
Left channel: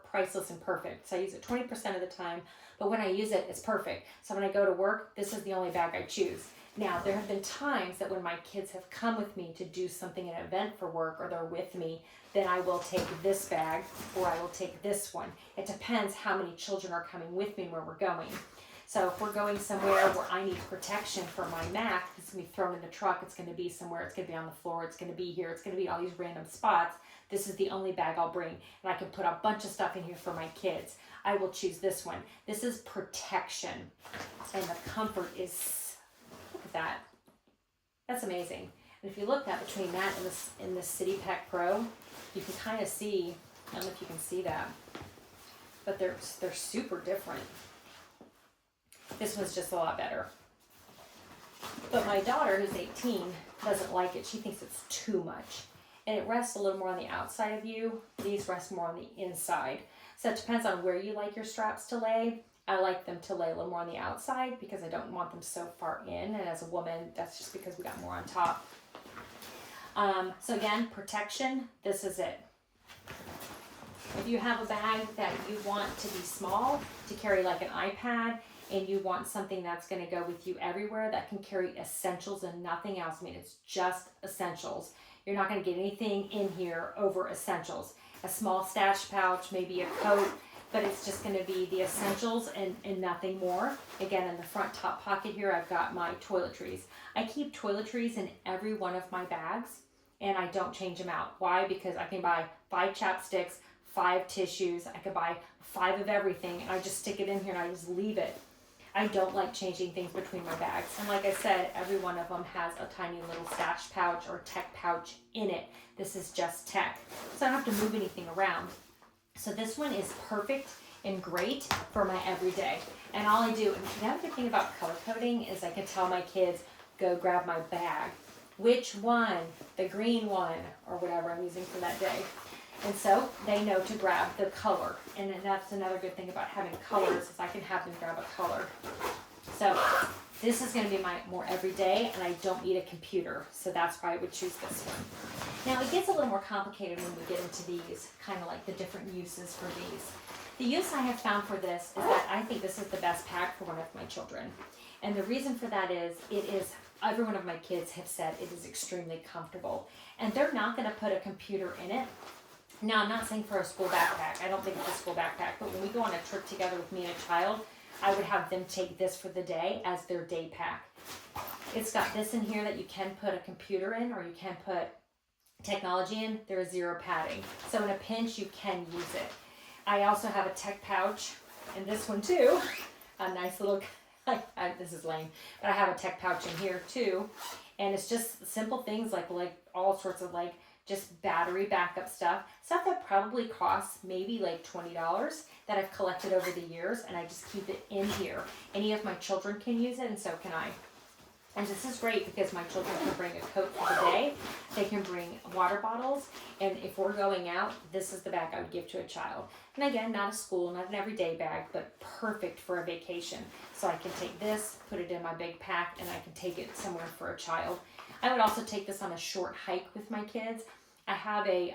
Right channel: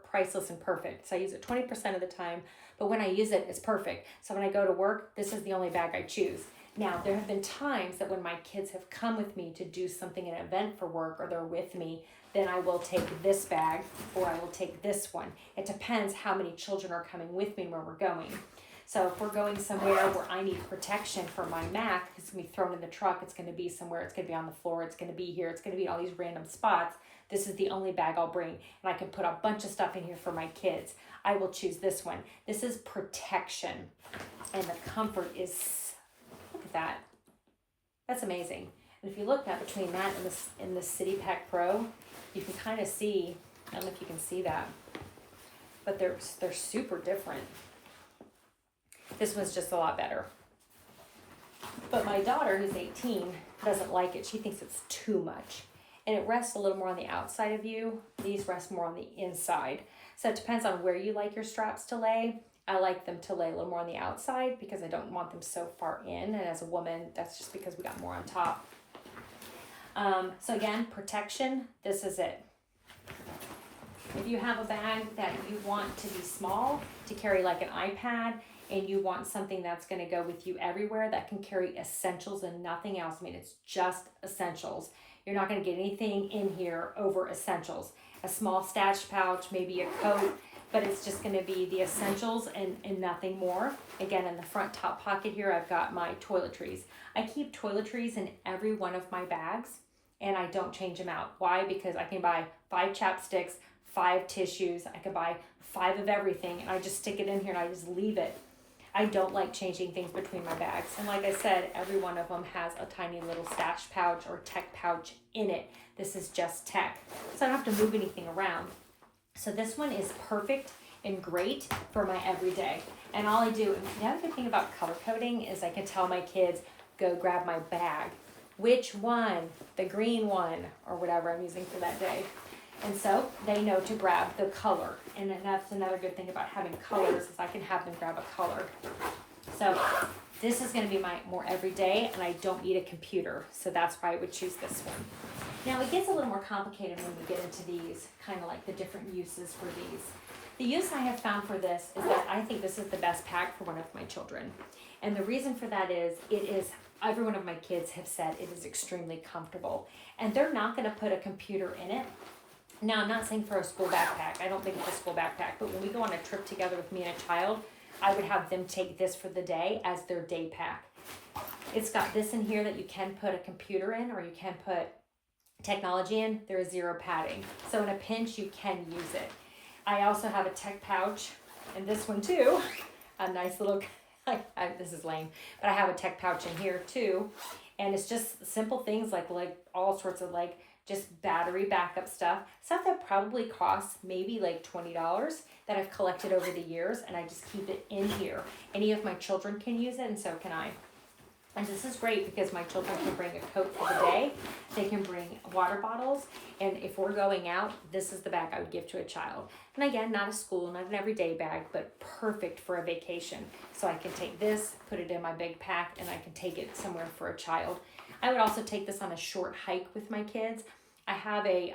priceless and perfect. So I use it 20% of the time. But when I use it, it's perfect. So when I go to work, this is the only bag I choose. Now, there have been times that when my kids have come with me to do something, an event for work, or they're with me, then I will take this bag or I will take this one. It depends how many children are coming with me where we're going. So if we're going somewhere where I need protection for my Mac, it's going to be thrown in the truck, it's going to be somewhere, it's going to be on the floor, it's going to be here, it's going to be all these random spots, this is the only bag I'll bring. And I can put a bunch of stuff in here for my kids. I will choose this one. This is protection. And the comfort is, look at that. That's amazing. And if you look at between that and the City Pack Pro, you can kind of see, I don't know if you can see that, but they're super different. This one's just a lot better. But my daughter, who's 18, doesn't like it. She thinks it's too much. And it rests a little more on the outside of you. These rest more on the inside. So it depends on where you like your straps to lay. I like them to lay a little more on the outside because I don't want them so far in. And as a woman, that's just because we got more on top. So again, protection, this is it. If you have a bag that you want to be small, to carry like an iPad, and you want something that's going to go with you everywhere, that can carry essentials and nothing else. I mean, it's just essentials. You're not going to get anything in here over essentials. A small stash pouch, maybe a coat, but it's just going to be the essentials and nothing more. Again, in the front top pocket here, I've got my toiletries. I keep toiletries in every one of my bags, and I don't change them out. Why? Because I can buy 5 chapsticks, 5 tissues, I could buy 5 of everything, and I just stick it in here and I just leave it. I don't like changing things between my bags. And like I said, every one of them has a tiny little stash pouch or tech pouch in it. This is just tech. So I don't have to move anything around. So this one is perfect and great for my everyday. And all I do, and the other good thing about color coding is I can tell my kids, go grab my bag. Which one? The green one, or whatever I'm using for that day. And so they know to grab the color. And then that's another good thing about having colors is I can have them grab a color. So this is going to be my more everyday, and I don't need a computer. So that's why I would choose this one. Now it gets a little more complicated when we get into these, kind of like the different uses for these. The use I have found for this is that I think this is the best pack for one of my children. And the reason for that is, every one of my kids have said it is extremely comfortable. And they're not going to put a computer in it. Now, I'm not saying for a school backpack. I don't think it's a school backpack. But when we go on a trip together with me and a child, I would have them take this for the day as their day pack. It's got this in here that you can put a computer in, or you can put technology in. There is 0 padding. So in a pinch, you can use it. I also have a tech pouch, and this one too. A nice little, this is lame, but I have a tech pouch in here too. And it's just simple things like all sorts of just battery backup stuff that probably costs maybe like $20 that I've collected over the years, and I just keep it in here. Any of my children can use it, and so can I. And this is great because my children can bring a coat for the day. They can bring water bottles. And if we're going out, this is the bag I would give to a child. And again, not a school, not an everyday bag, but perfect for a vacation. So I can take this, put it in my big pack, and I can take it somewhere for a child. I would also take this on a short hike with my kids. I have a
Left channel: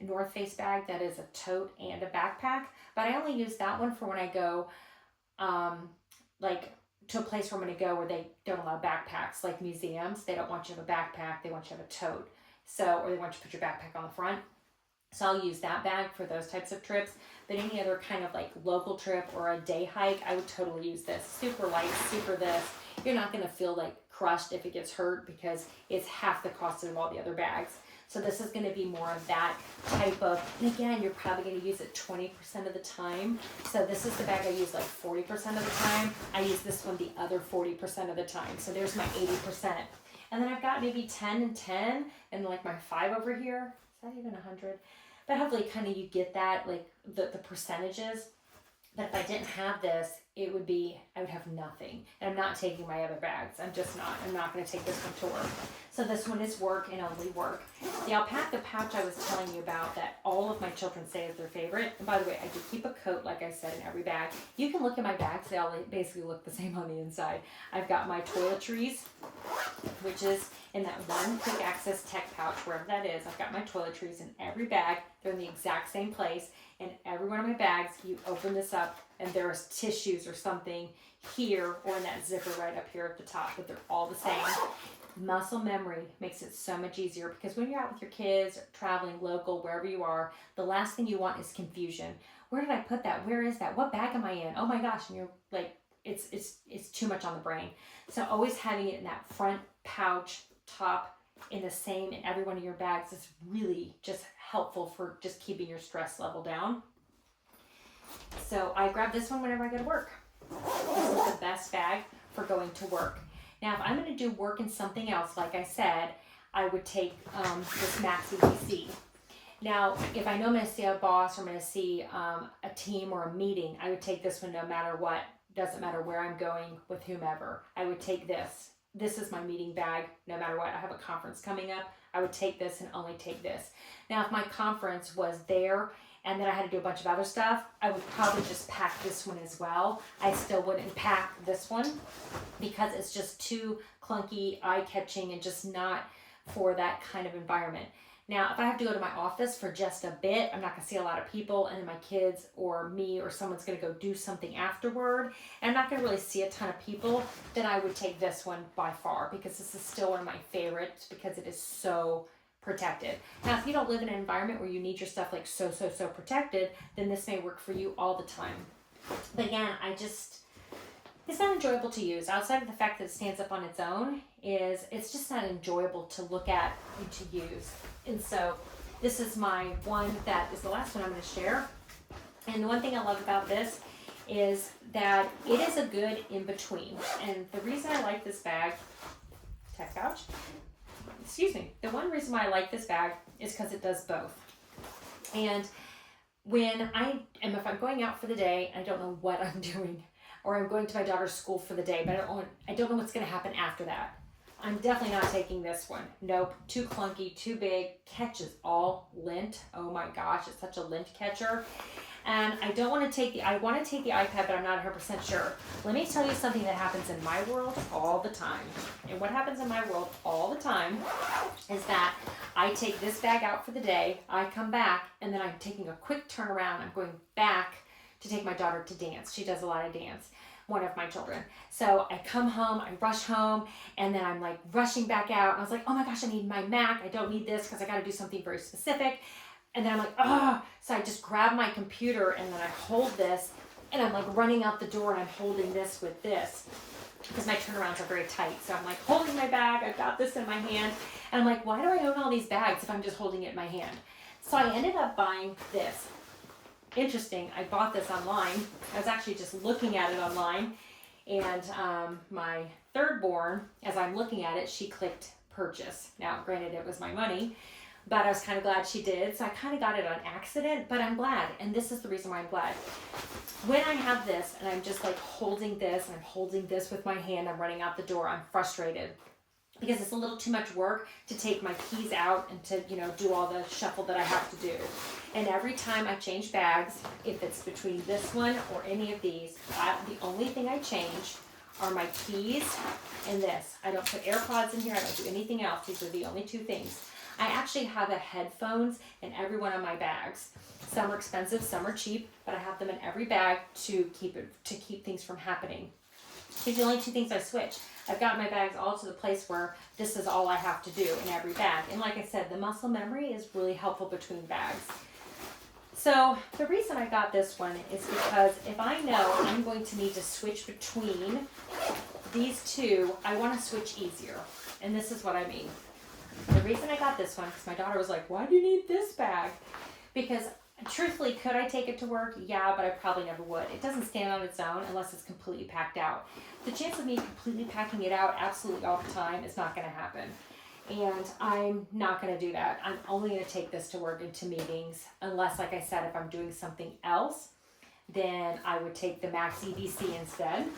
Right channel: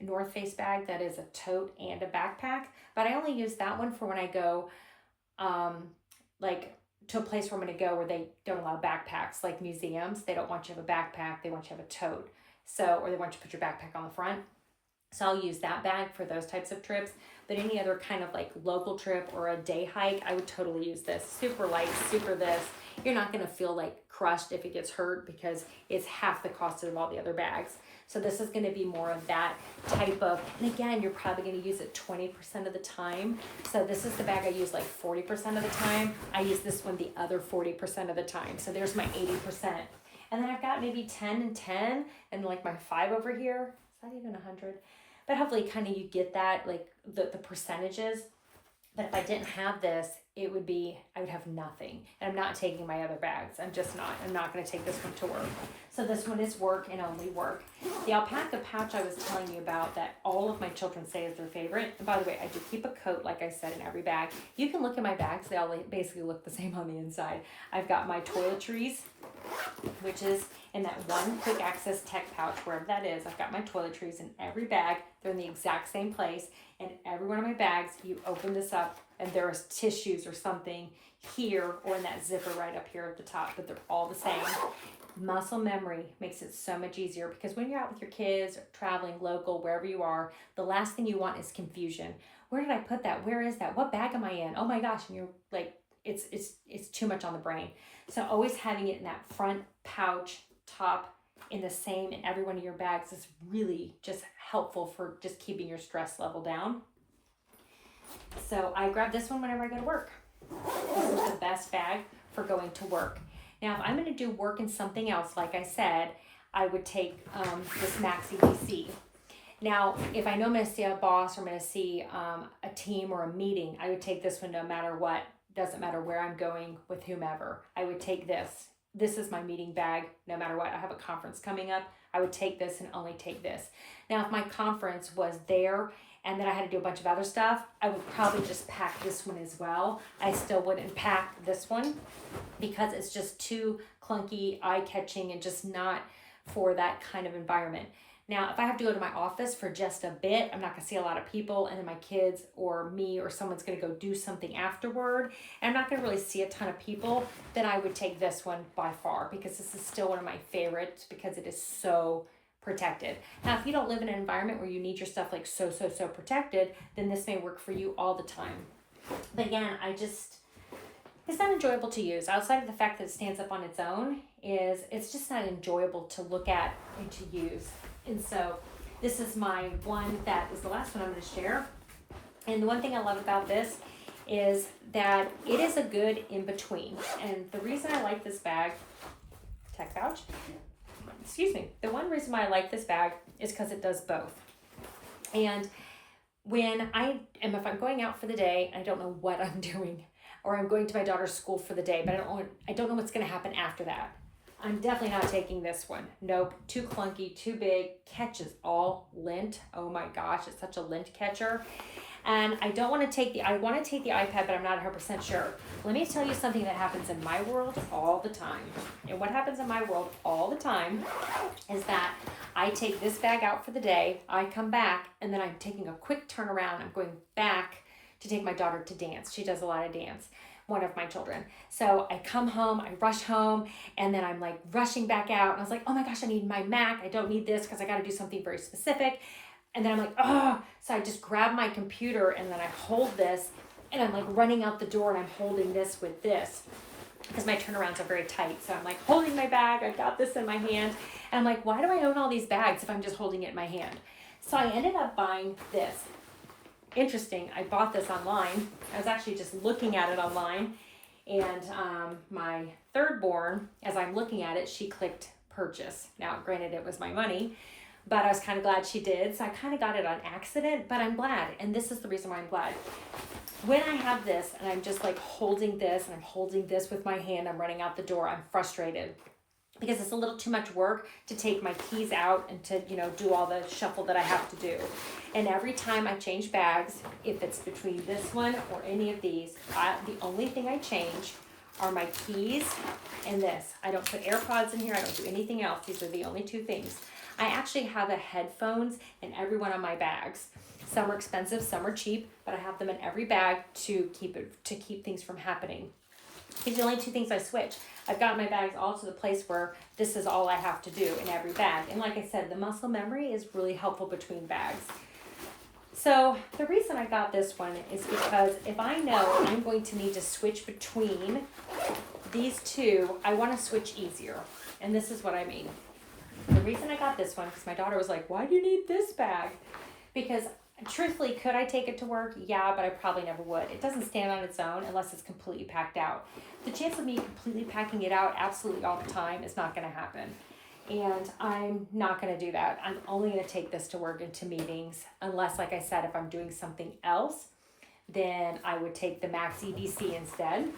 North Face bag that is a tote and a backpack, but I only use that one for when I go to a place where I'm going to go where they don't allow backpacks, like museums. They don't want you to have a backpack. They want you to have a tote. Or they want you to put your backpack on the front. So I'll use that bag for those types of trips. But any other kind of local trip or a day hike, I would totally use this. Super light, super this. You're not going to feel crushed if it gets hurt because it's half the cost of all the other bags. So this is going to be more of that type of, and again, you're probably going to use it 20% of the time. So this is the bag I use 40% of the time. I use this one the other 40% of the time. So there's my 80%. And then I've got maybe 10 and 10 and my 5 over here. Is that even 100? But hopefully kind of you get that, the percentages. But if I didn't have this, I would have nothing. And I'm not taking my other bags. I'm not going to take this one to work. So this one is work and only work. The alpaca pouch I was telling you about that all of my children say is their favorite. And by the way, I do keep a coat, like I said, in every bag. You can look at my bags. They all basically look the same on the inside. I've got my toiletries, which is in that one quick access tech pouch, wherever that is. I've got my toiletries in every bag. They're in the exact same place. And every one of my bags, you open this up, and there's tissues or something here or in that zipper right up here at the top, but they're all the same. Muscle memory makes it so much easier, because when you're out with your kids, traveling local, wherever you are, the last thing you want is confusion. Where did I put that? Where is that? What bag am I in? Oh my gosh. And you're like, it's too much on the brain. So always having it in that front pouch top in the same in every one of your bags is really just helpful for just keeping your stress level down. So I grab this one whenever I go to work. This is the best bag for going to work. Now, if I'm going to do work in something else, like I said, I would take this Maxi DC. Now, if I know I'm going to see a boss or I'm going to see a team or a meeting, I would take this one no matter what. Doesn't matter where I'm going with whomever. I would take this. This is my meeting bag no matter what. I have a conference coming up. I would take this and only take this. Now, if my conference was there and then I had to do a bunch of other stuff, I would probably just pack this one as well. I still wouldn't pack this one because it's just too clunky, eye-catching, and just not for that kind of environment. Now, if I have to go to my office for just a bit, I'm not gonna see a lot of people, and then my kids or me or someone's gonna go do something afterward, and I'm not gonna really see a ton of people, then I would take this one by far, because this is still one of my favorites because it is so protected. Now, if you don't live in an environment where you need your stuff like so protected, then this may work for you all the time. But again, it's not enjoyable to use. Outside of the fact that it stands up on its own, it's just not enjoyable to look at and to use. And so this is my one that is the last one I'm going to share. And the one thing I love about this is that it is a good in-between. And the reason I like this bag, tech pouch, the one reason why I like this bag is because it does both. And if I'm going out for the day, I don't know what I'm doing, or I'm going to my daughter's school for the day, but I don't know what's going to happen after that. I'm definitely not taking this one. Nope, too clunky, too big, catches all lint. Oh my gosh, it's such a lint catcher. And I want to take the iPad, but I'm not 100% sure. Let me tell you something that happens in my world all the time. And what happens in my world all the time is that I take this bag out for the day, I come back, and then I'm taking a quick turnaround. I'm going back to take my daughter to dance. She does a lot of dance, one of my children. So I come home, I rush home, and then I'm like rushing back out. And I was like, oh my gosh, I need my Mac. I don't need this because I got to do something very specific. And then I'm like, oh, so I just grab my computer and then I hold this and I'm like running out the door and I'm holding this with this because my turnarounds are very tight. So I'm like holding my bag, I've got this in my hand. And I'm like, why do I own all these bags if I'm just holding it in my hand? So I ended up buying this. Interesting, I bought this online. I was actually just looking at it online. And my third born, as I'm looking at it, she clicked purchase. Now, granted, it was my money, but I was kind of glad she did. So I kind of got it on accident, but I'm glad. And this is the reason why I'm glad. When I have this and I'm just like holding this and I'm holding this with my hand, I'm running out the door, I'm frustrated because it's a little too much work to take my keys out and to, do all the shuffle that I have to do. And every time I change bags, if it's between this one or any of these, the only thing I change are my keys and this. I don't put AirPods in here. I don't do anything else. These are the only two things. I actually have a headphones in every one of my bags. Some are expensive, some are cheap, but I have them in every bag to keep things from happening. These are the only two things I switch. I've got my bags all to the place where this is all I have to do in every bag. And like I said, the muscle memory is really helpful between bags. So the reason I got this one is because if I know I'm going to need to switch between these two, I want to switch easier. And this is what I mean. The reason I got this one, because my daughter was like, why do you need this bag? Because truthfully, could I take it to work? Yeah, but I probably never would. It doesn't stand on its own unless it's completely packed out. The chance of me completely packing it out absolutely all the time is not going to happen. And I'm not going to do that. I'm only going to take this to work and to meetings, unless, like I said, if I'm doing something else, then I would take the Maxi DC instead,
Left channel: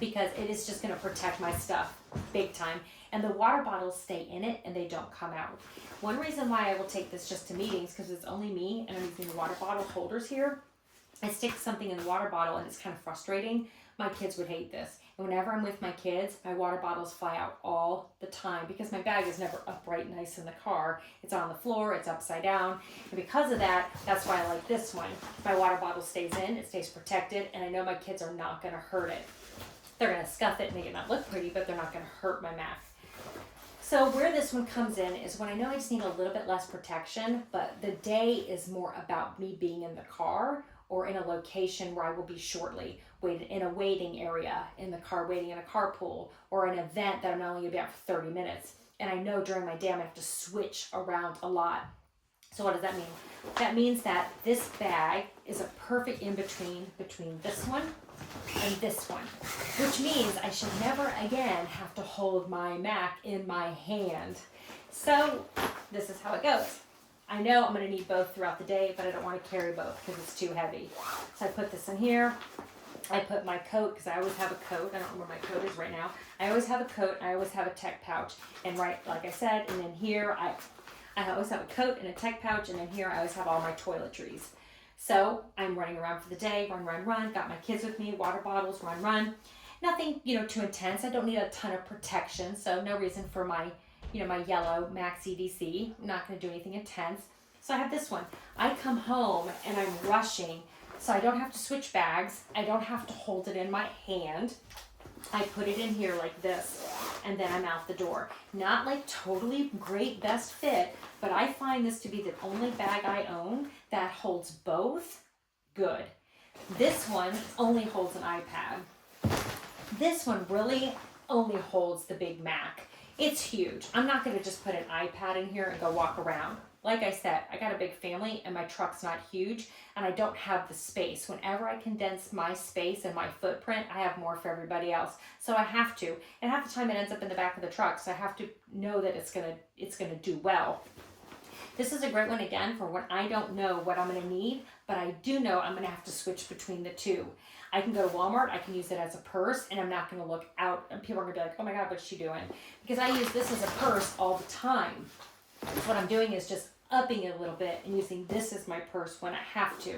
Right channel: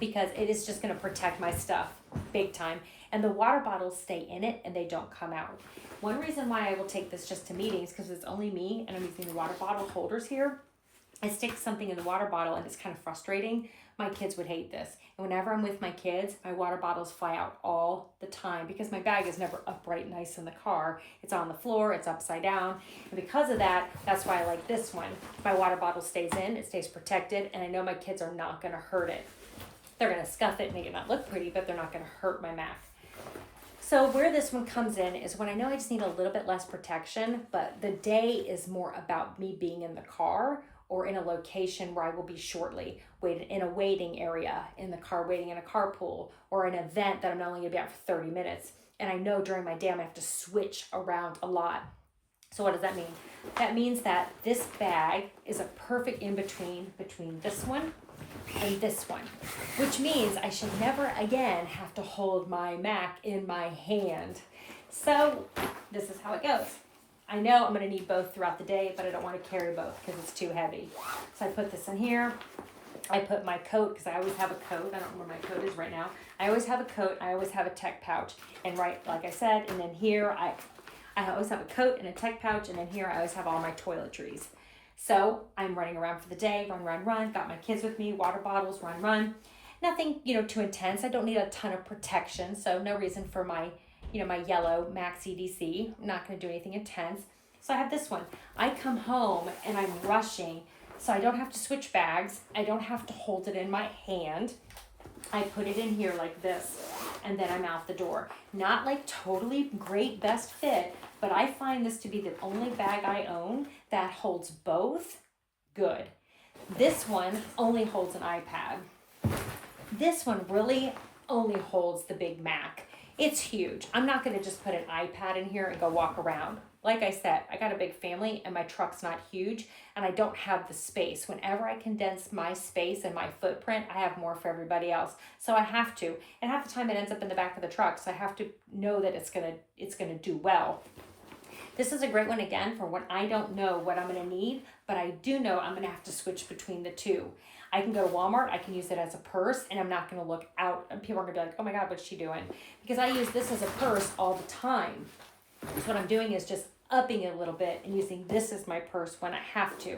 because it is just going to protect my stuff big time. And the water bottles stay in it and they don't come out. One reason why I will take this just to meetings, because it's only me and I'm using the water bottle holders here, I stick something in the water bottle and it's kind of frustrating. My kids would hate this. And whenever I'm with my kids, my water bottles fly out all the time because my bag is never upright nice in the car. It's on the floor, it's upside down. And because of that, that's why I like this one. My water bottle stays in, it stays protected, and I know my kids are not gonna hurt it. They're gonna scuff it and make it not look pretty, but they're not gonna hurt my Mac. So where this one comes in is when I know I just need a little bit less protection, but the day is more about me being in the car or in a location where I will be shortly, in a waiting area, in the car, waiting in a carpool, or an event that I'm not only gonna be out for 30 minutes. And I know during my day I'm gonna have to switch around a lot. So what does that mean? That means that this bag is a perfect in-between between this one and this one, which means I should never again have to hold my Mac in my hand. So this is how it goes. I know I'm gonna need both throughout the day, but I don't wanna carry both because it's too heavy. So I put this in here. I put my coat, because I always have a coat. I don't know where my coat is right now. I always have a coat, I always have a tech pouch. And right, like I said, and then here, I always have a coat and a tech pouch, and then here I always have all my toiletries. So I'm running around for the day, run, got my kids with me, water bottles, run. Nothing, too intense. I don't need a ton of protection, so no reason for my, my yellow Max EDC. I'm not gonna do anything intense. So I have this one. I come home and I'm rushing, so I don't have to switch bags. I don't have to hold it in my hand. I put it in here like this, and then I'm out the door. Not like totally great best fit, but I find this to be the only bag I own that holds both good. This one only holds an iPad. This one really only holds the Big Mac. It's huge. I'm not gonna just put an iPad in here and go walk around. Like I said, I got a big family and my truck's not huge and I don't have the space. Whenever I condense my space and my footprint, I have more for everybody else. So I have to, and half the time it ends up in the back of the truck. So I have to know that it's gonna do well. This is a great one again for when I don't know what I'm gonna need, but I do know I'm gonna have to switch between the two. I can go to Walmart, I can use it as a purse, and I'm not gonna look out, and people are gonna be like, oh my God, what's she doing? Because I use this as a purse all the time. So what I'm doing is just upping it a little bit and using this as my purse when I have to.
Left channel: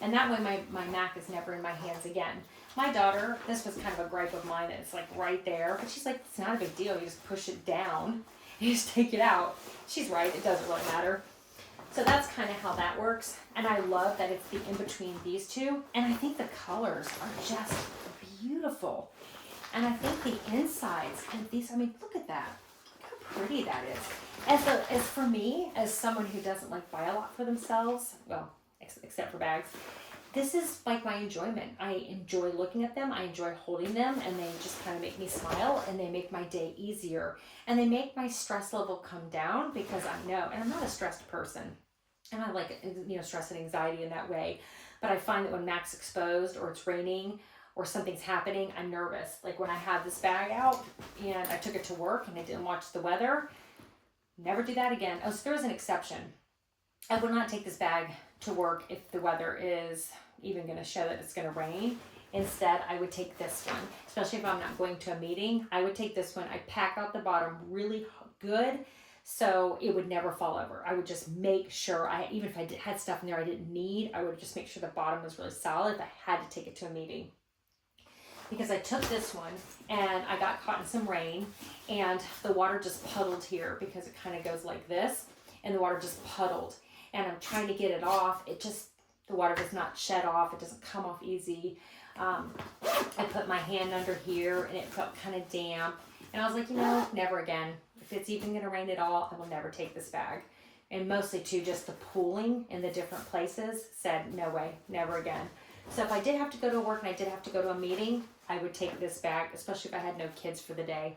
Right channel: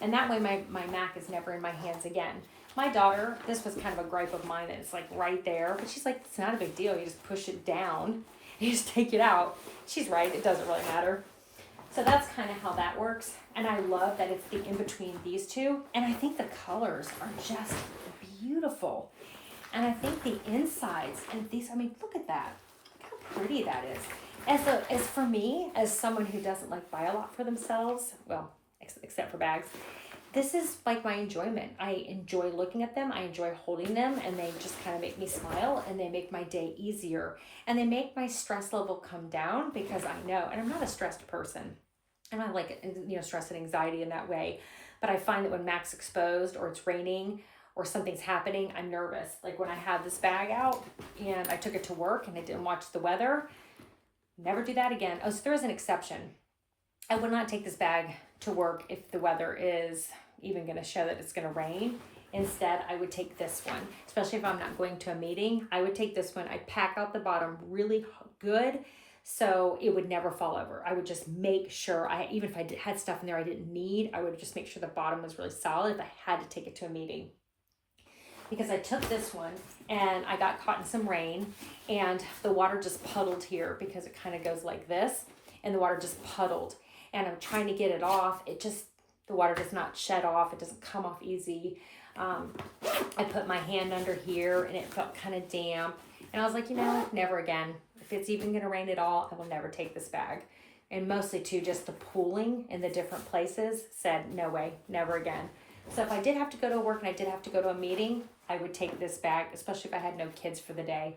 And that way my Mac is never in my hands again. My daughter, this was kind of a gripe of mine that it's like right there, but she's like, it's not a big deal. You just push it down, you just take it out. She's right, it doesn't really matter. So that's kind of how that works. And I love that it's the in-between these two. And I think the colors are just beautiful. And I think the insides and these, look at that. Look how pretty that is. As for me, as someone who doesn't like buy a lot for themselves, well, except for bags, this is like my enjoyment. I enjoy looking at them. I enjoy holding them, and they just kind of make me smile, and they make my day easier, and they make my stress level come down because I know, and I'm not a stressed person, and I like, stress and anxiety in that way, but I find that when Mac's exposed or it's raining or something's happening, I'm nervous. Like when I had this bag out and I took it to work and I didn't watch the weather, never do that again. Oh, so there is an exception. I would not take this bag to work if the weather is even going to show that it's going to rain. Instead, I would take this one, especially if I'm not going to a meeting. I would take this one. I pack out the bottom really good so it would never fall over. I would just make sure, even if I had stuff in there I didn't need, I would just make sure the bottom was really solid if I had to take it to a meeting. Because I took this one and I got caught in some rain and the water just puddled here because it kind of goes like this, and the water just puddled. And I'm trying to get it off. The water does not shed off. It doesn't come off easy. I put my hand under here and it felt kind of damp. And I was like, never again. If it's even going to rain at all, I will never take this bag. And mostly too, just the pooling in the different places said, no way, never again. So if I did have to go to work and I did have to go to a meeting, I would take this bag, especially if I had no kids for the day.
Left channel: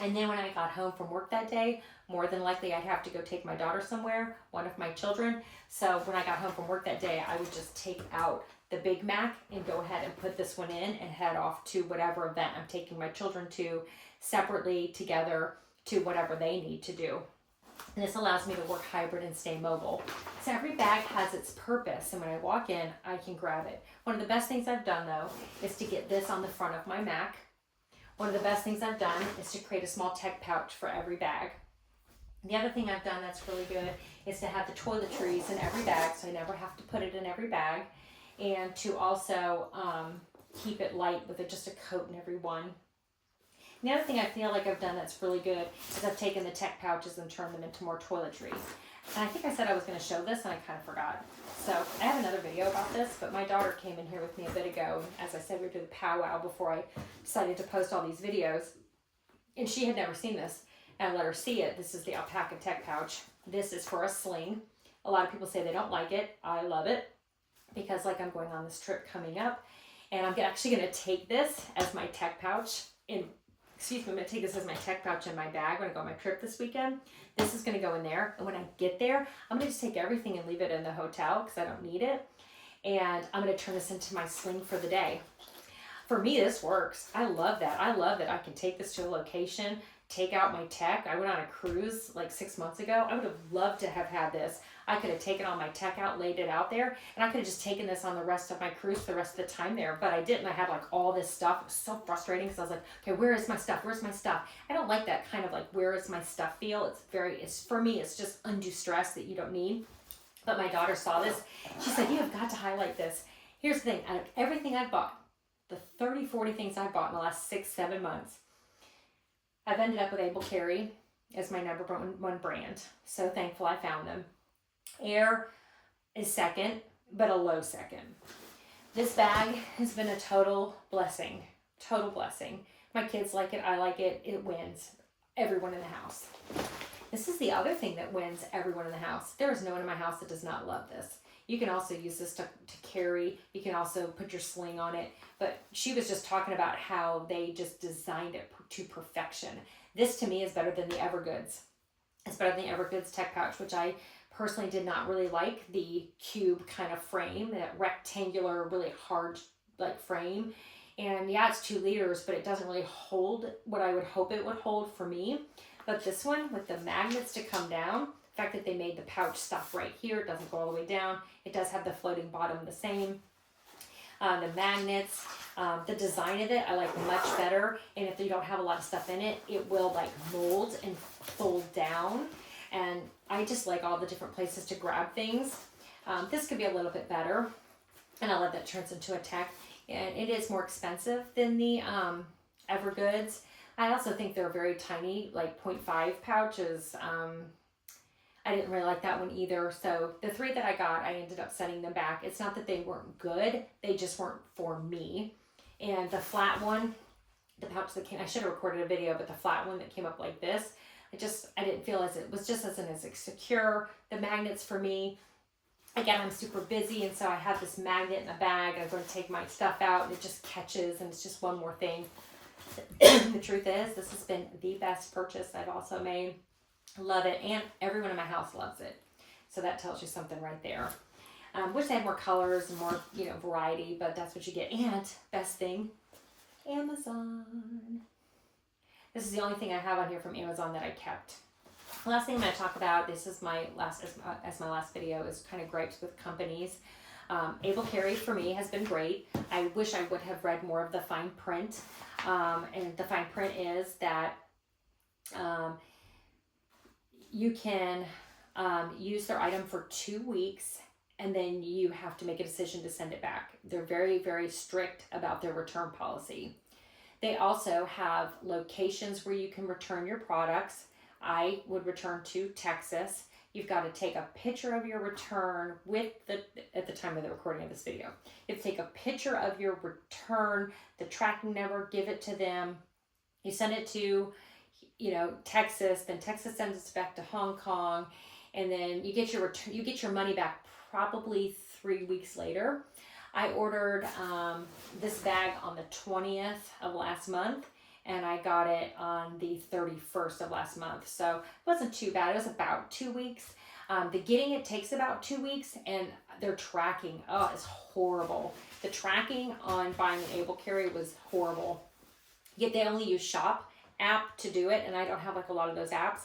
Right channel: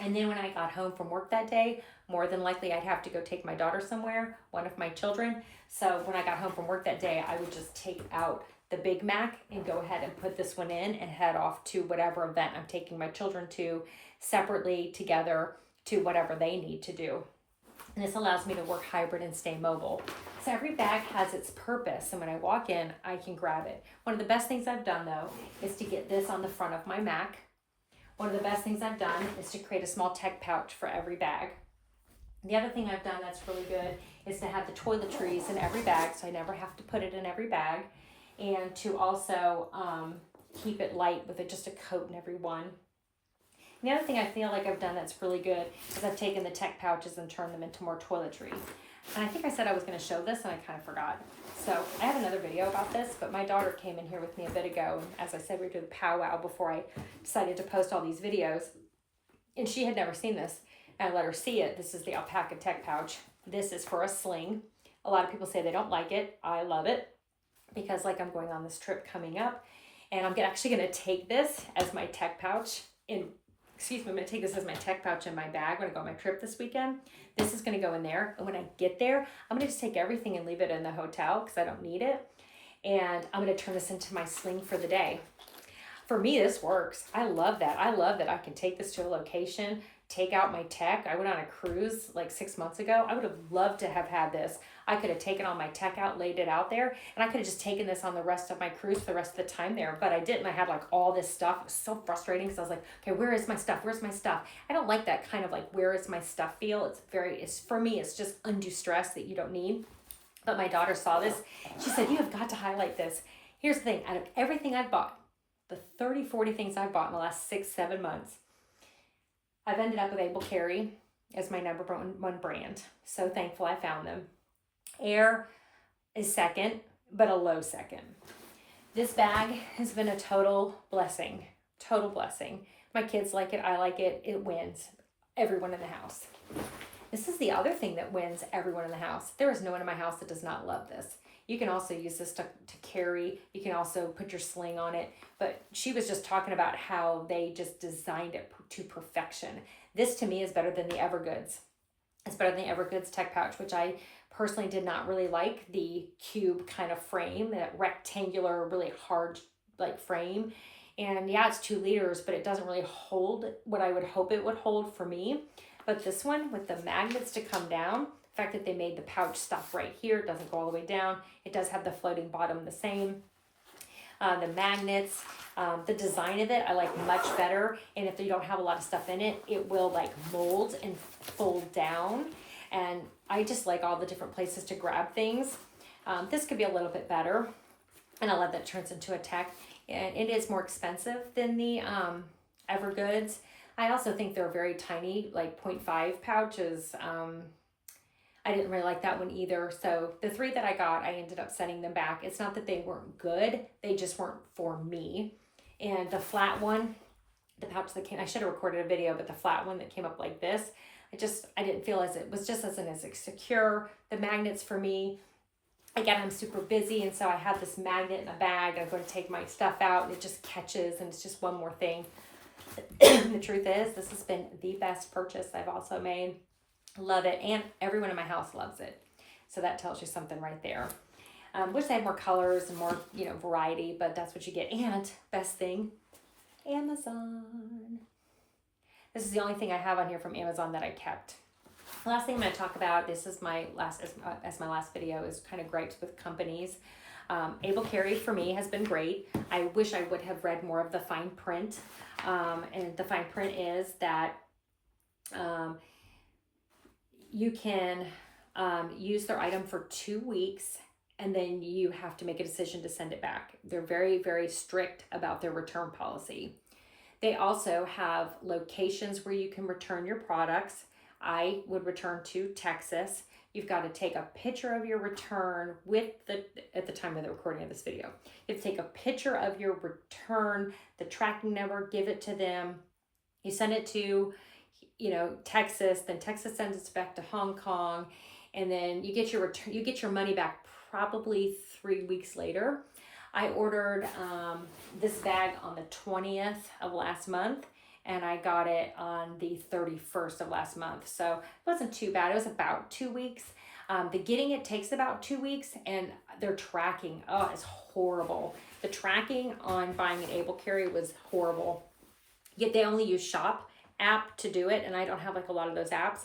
And then when I got home from work that day, more than likely I'd have to go take my daughter somewhere, one of my children. So when I got home from work that day, I would just take out the Big Mac and go ahead and put this one in and head off to whatever event I'm taking my children to, separately, together, to whatever they need to do. And this allows me to work hybrid and stay mobile. So every bag has its purpose, and when I walk in, I can grab it. One of the best things I've done, though, is to get this on the front of my Mac. One of the best things I've done is to create a small tech pouch for every bag. The other thing I've done that's really good is to have the toiletries in every bag, so I never have to put it in every bag. and to also keep it light with just a coat in every one. And the other thing I feel like I've done that's really good is I've taken the tech pouches and turned them into more toiletry. And I think I said I was going to show this and I kind of forgot. So I have another video about this, but my daughter came in here with me a bit ago. And as I said, we were doing the powwow before I decided to post all these videos. And she had never seen this. And I let her see it. This is the alpaca tech pouch. This is for a sling. A lot of people say they don't like it. I love it because like I'm going on this trip coming up and I'm actually going to take this as my tech pouch I'm going to take this as my tech pouch in my bag when I go on my trip this weekend. This is going to go in there. And when I get there, I'm going to just take everything and leave it in the hotel because I don't need it. And I'm going to turn this into my sling for the day. For me, this works. I love that. I love that I can take this to a location, take out my tech. I went on a cruise like 6 months ago. I would have loved to have had this. I could have taken all my tech out, laid it out there, and I could have just taken this on the rest of my cruise for the rest of the time there, but I didn't. I had like all this stuff. It was so frustrating because I was like, okay, where is my stuff? Where's my stuff? I don't like that kind of like, where is my stuff feel. It's for me, it's just undue stress that you don't need. But my daughter saw this. She said, you have got to highlight this. Here's the thing, out of everything I've bought, the 30, 40 things I've bought in the last 6, 7 months, I've ended up with Able Carry as my number one brand. So thankful I found them. Air is second, but a low second. This bag has been a total blessing. Total blessing. My kids like it. I like it. It wins everyone in the house. This is the other thing that wins everyone in the house. There is no one in my house that does not love this. You can also use this to carry. You can also put your sling on it. But she was just talking about how they just designed it to perfection. This to me is better than the Evergoods. It's better than the Evergoods tech pouch, which I personally did not really like the cube kind of frame, that rectangular, really hard like frame. And yeah, it's 2 liters, but it doesn't really hold what I would hope it would hold for me. But this one with the magnets to come down, the fact that they made the pouch stop right here, it doesn't go all the way down. It does have the floating bottom the same. The magnets, the design of it, I like much better. And if you don't have a lot of stuff in it, it will like mold and fold down. And I just like all the different places to grab things. This could be a little bit better. And I love that it turns into a tech. And it is more expensive than the Evergoods. I also think they're very tiny, like 0.5 pouches. I didn't really like that one either. So the 3 that I got, I ended up sending them back. It's not that they weren't good. They just weren't for me. And the flat one, the pouch that came, I should have recorded a video, but the flat one that came up like this, I didn't feel as it was just as secure. The magnets for me, again, I'm super busy. And so I have this magnet in a bag. I'm going to take my stuff out and it just catches and it's just one more thing. The truth is, this has been the best purchase I've also made. Love it. And everyone in my house loves it. So that tells you something right there. Wish they had more colors and more, variety, but that's what you get. And best thing, Amazon. This is the only thing I have on here from Amazon that I kept. The last thing I'm going to talk about, this is my last, as my last video, is kind of gripes with companies. Able Carry for me has been great. I wish I would have read more of the fine print. And the fine print is that you can use their item for 2 weeks and then you have to make a decision to send it back. They're very, very strict about their return policy. They also have locations where you can return your products. I would return to Texas. You've got to take a picture of your return at the time of the recording of this video. You have to take a picture of your return, the tracking number, give it to them. You send it to, Texas, then Texas sends it back to Hong Kong, and then you get your return, you get your money back probably 3 weeks later. I ordered this bag on the 20th of last month, and I got it on the 31st of last month. So it wasn't too bad. It was about 2 weeks. The getting it takes about 2 weeks, and their tracking, it's horrible. The tracking on buying an Able Carry was horrible. Yet they only use Shop app to do it, and I don't have like a lot of those apps.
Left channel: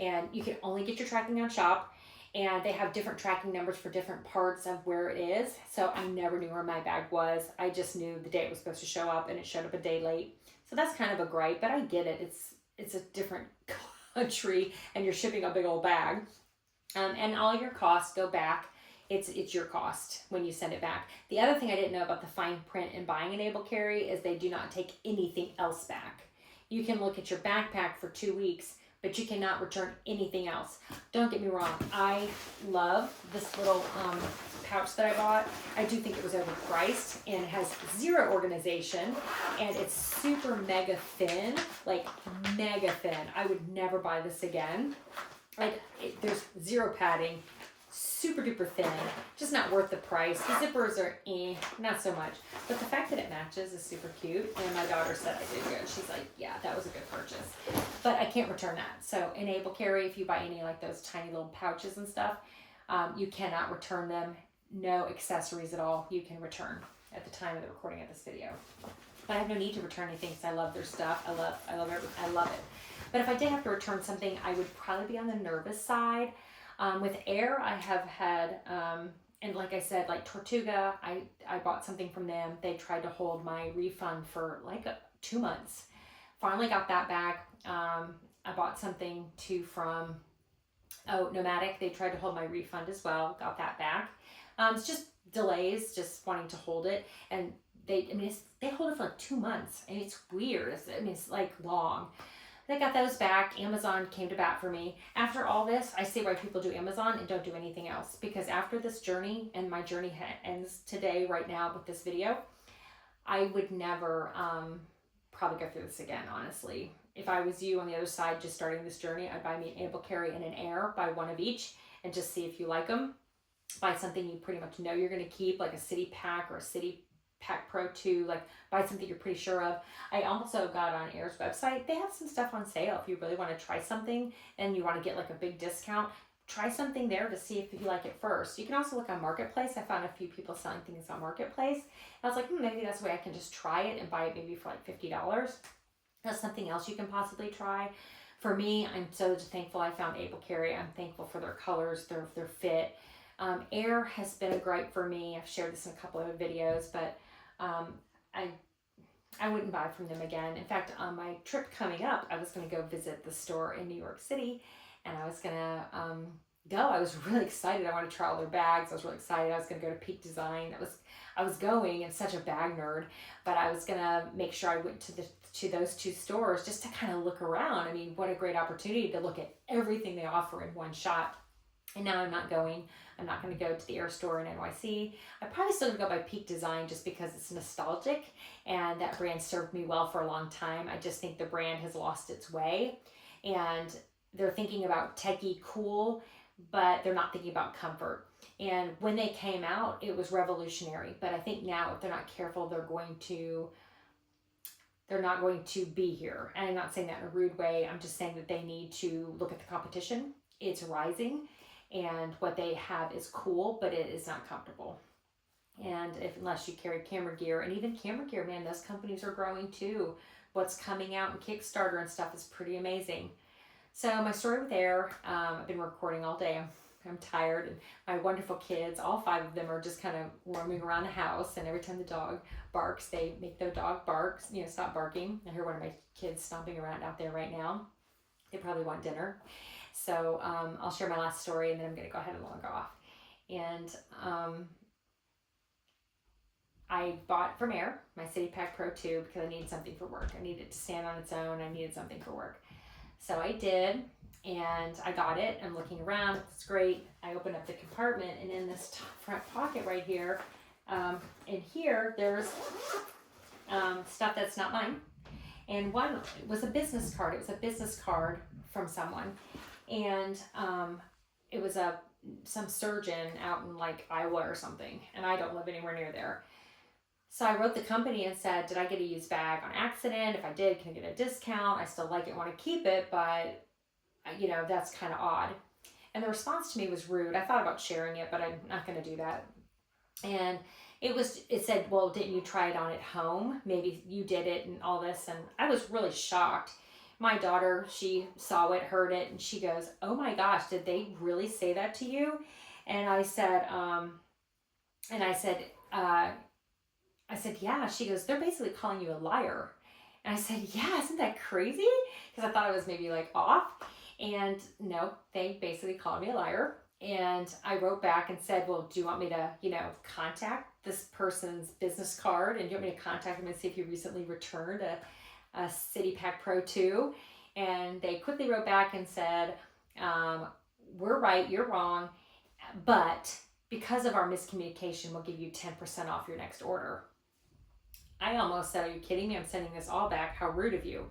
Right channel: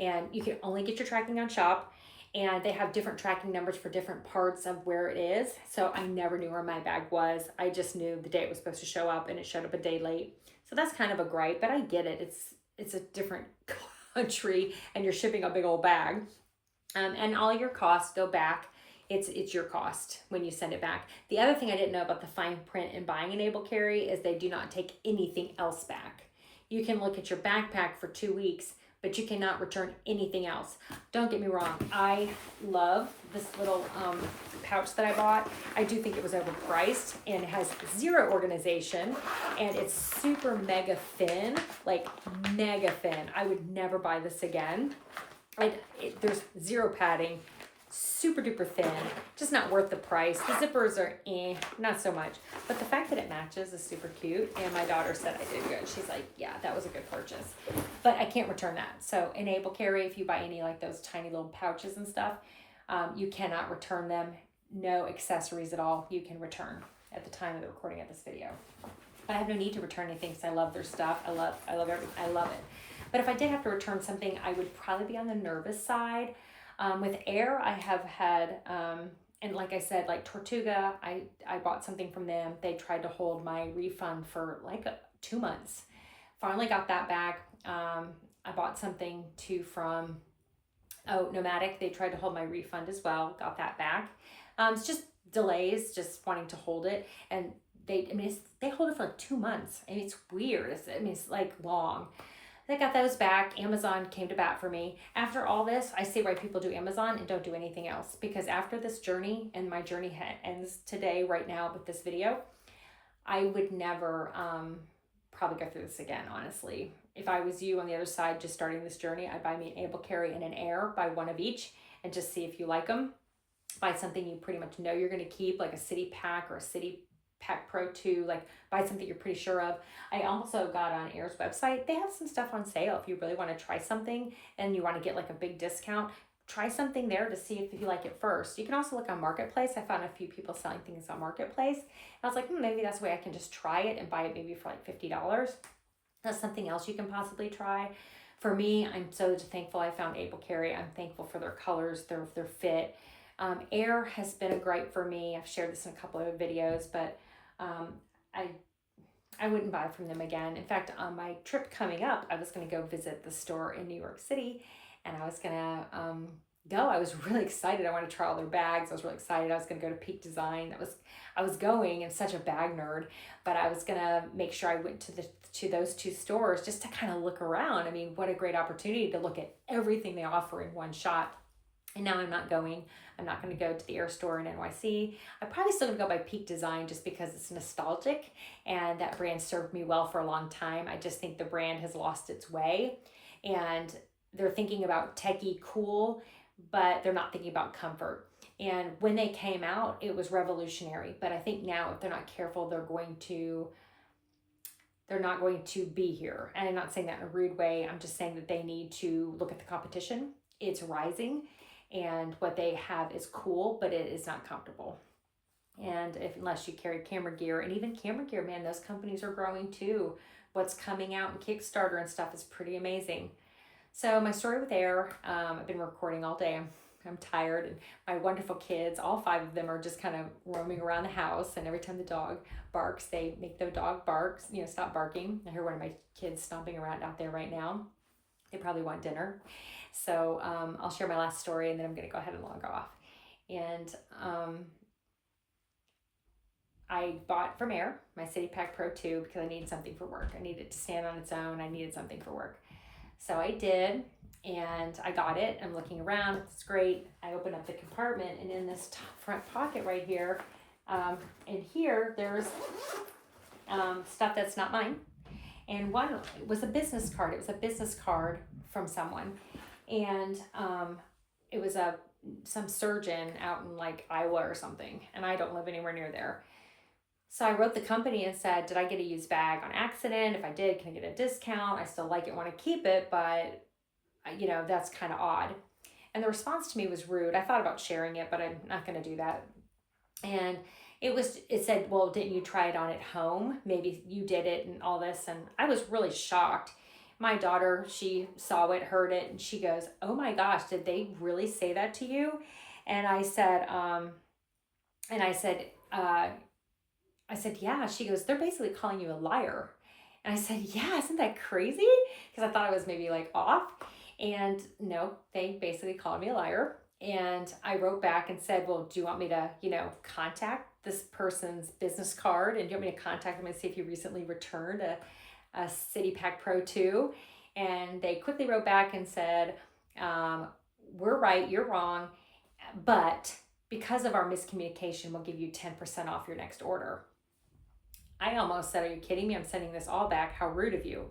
And you can only get your tracking on Shop, and they have different tracking numbers for different parts of where it is. So I never knew where my bag was. I just knew the day it was supposed to show up, and it showed up a day late. So that's kind of a gripe, but I get it. It's a different country, and you're shipping a big old bag. And all your costs go back it's your cost when you send it back. The other thing I didn't know about the fine print in buying an Able Carry is they do not take anything else back. You can look at your backpack for 2 weeks, but you cannot return anything else. Don't get me wrong, I love this little pouch that I bought. I do think it was overpriced and it has zero organization and it's super mega thin, like mega thin. I would never buy this again. There's zero padding, super duper thin, just not worth the price. The zippers are not so much, but the fact that it matches is super cute. And my daughter said I did good. She's like, yeah, that was a good purchase, but I can't return that. So in Able Carry, if you buy any like those tiny little pouches and stuff, you cannot return them. No accessories at all you can return at the time of the recording of this video. But I have no need to return anything because I love their stuff. I love everything. I love it. But if I did have to return something, I would probably be on the nervous side. With Air, I have had, and like I said, like Tortuga, I bought something from them. They tried to hold my refund for like 2 months. Finally got that back. I bought something too from Nomadic. They tried to hold my refund as well. Got that back. It's just delays, just wanting to hold it. And they hold it for like 2 months. And it's weird. It's like long. They got those back. Amazon came to bat for me. After all this, I see why people do Amazon and don't do anything else. Because after this journey, and my journey ends today, right now with this video, I would never probably go through this again, honestly. If I was you on the other side just starting this journey, I'd buy me an Able Carry and an Air, buy one of each, and just see if you like them. Buy something you pretty much know you're going to keep, like a City Pack or a City Pack Pro 2, like buy something you're pretty sure of. I also got on Air's website. They have some stuff on sale if you really want to try something and you want to get like a big discount. Try something there to see if you like it first. You can also look on Marketplace. I found a few people selling things on Marketplace. I was like, maybe that's the way I can just try it and buy it maybe for like $50. That's something else you can possibly try. For me, I'm so thankful I found Able Carry. I'm thankful for their colors, their fit. Air has been a gripe for me. I've shared this in a couple of videos, but I wouldn't buy from them again. In fact, on my trip coming up, I was going to go visit the store in New York City, and I was going to go. I was really excited. I wanted to try all their bags. I was really excited. I was going to go to Peak Design. I was going. I'm such a bag nerd, but I was going to make sure I went to those two stores just to kind of look around. I mean, what a great opportunity to look at everything they offer in one shot. And now I'm not going. I'm not going to go to the Air store in NYC. I'm probably still going to go by Peak Design just because it's nostalgic and that brand served me well for a long time. I just think the brand has lost its way and they're thinking about techie cool, but they're not thinking about comfort. And when they came out, it was revolutionary. But I think now if they're not careful, they're not going to be here. And I'm not saying that in a rude way. I'm just saying that they need to look at the competition. It's rising. And what they have is cool, but it is not comfortable. And unless you carry camera gear, and even camera gear, man, those companies are growing too. What's coming out in Kickstarter and stuff is pretty amazing. So my story with Air, I've been recording all day. I'm tired, and my wonderful kids, all 5 of them are just kind of roaming around the house, and every time the dog barks, they make the dog bark, stop barking. I hear one of my kids stomping around out there right now. They probably want dinner. So I'll share my last story and then I'm going to go ahead and log off. And I bought from Air my City Pack Pro 2 because I needed something for work. I needed it to stand on its own. I needed something for work. So I did, and I got it. I'm looking around. It's great. I opened up the compartment, and in this front pocket right here, in here, there's stuff that's not mine. And one was a business card. It was a business card from someone. And it was some surgeon out in like Iowa or something, and I don't live anywhere near there. So I wrote the company and said, did I get a used bag on accident? If I did, can I get a discount? I still like it, want to keep it, but that's kind of odd. And the response to me was rude. I thought about sharing it, but I'm not going to do that. And it said, well, didn't you try it on at home? Maybe you did it and all this. And I was really shocked. My daughter, she saw it, heard it, and she goes, oh my gosh, did they really say that to you? And I said, yeah. She goes, they're basically calling you a liar. And I said, yeah, isn't that crazy? Because I thought I was maybe like off. And no, they basically called me a liar. And I wrote back and said, well, do you want me to, contact this person's business card? And do you want me to contact them and see if you recently returned a City Pack Pro 2? And they quickly wrote back and said, we're right, you're wrong, but because of our miscommunication, we'll give you 10% off your next order. I almost said, are you kidding me? I'm sending this all back. How rude of you.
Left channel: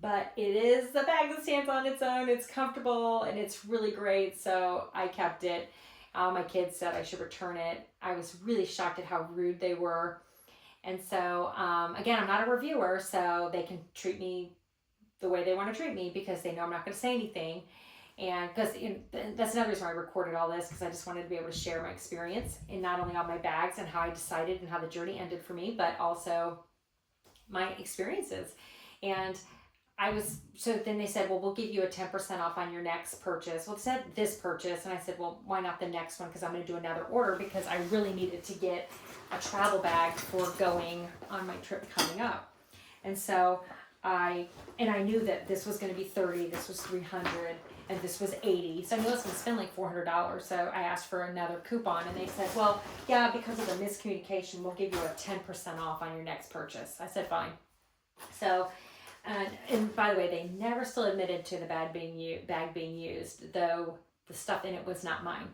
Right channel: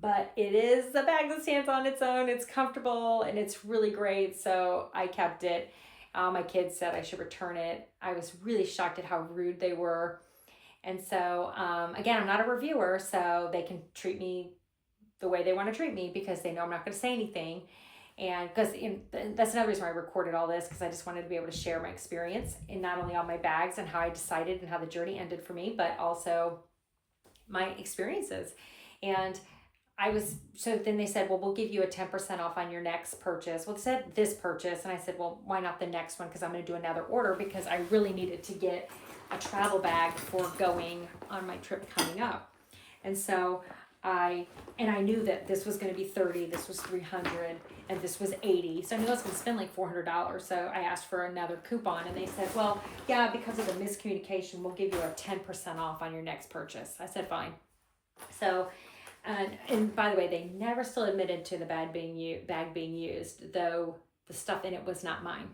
But it is a bag that stands on its own. It's comfortable and it's really great. So I kept it. My kids said I should return it. I was really shocked at how rude they were. And so, again, I'm not a reviewer, so they can treat me the way they want to treat me because they know I'm not going to say anything. And because that's another reason why I recorded all this, because I just wanted to be able to share my experience, and not only on my bags and how I decided and how the journey ended for me, but also my experiences. And so then they said, well, we'll give you a 10% off on your next purchase. Well, it said this purchase. And I said, well, why not the next one? Because I'm going to do another order because I really needed to get a travel bag for going on my trip coming up. And so I knew that this was going to be 30, this was 300, and this was 80. So I knew I was going to spend like $400. So I asked for another coupon and they said, well, yeah, because of the miscommunication, we'll give you a 10% off on your next purchase. I said, fine. So, and by the way, they never still admitted to the bag being used, though the stuff in it was not mine.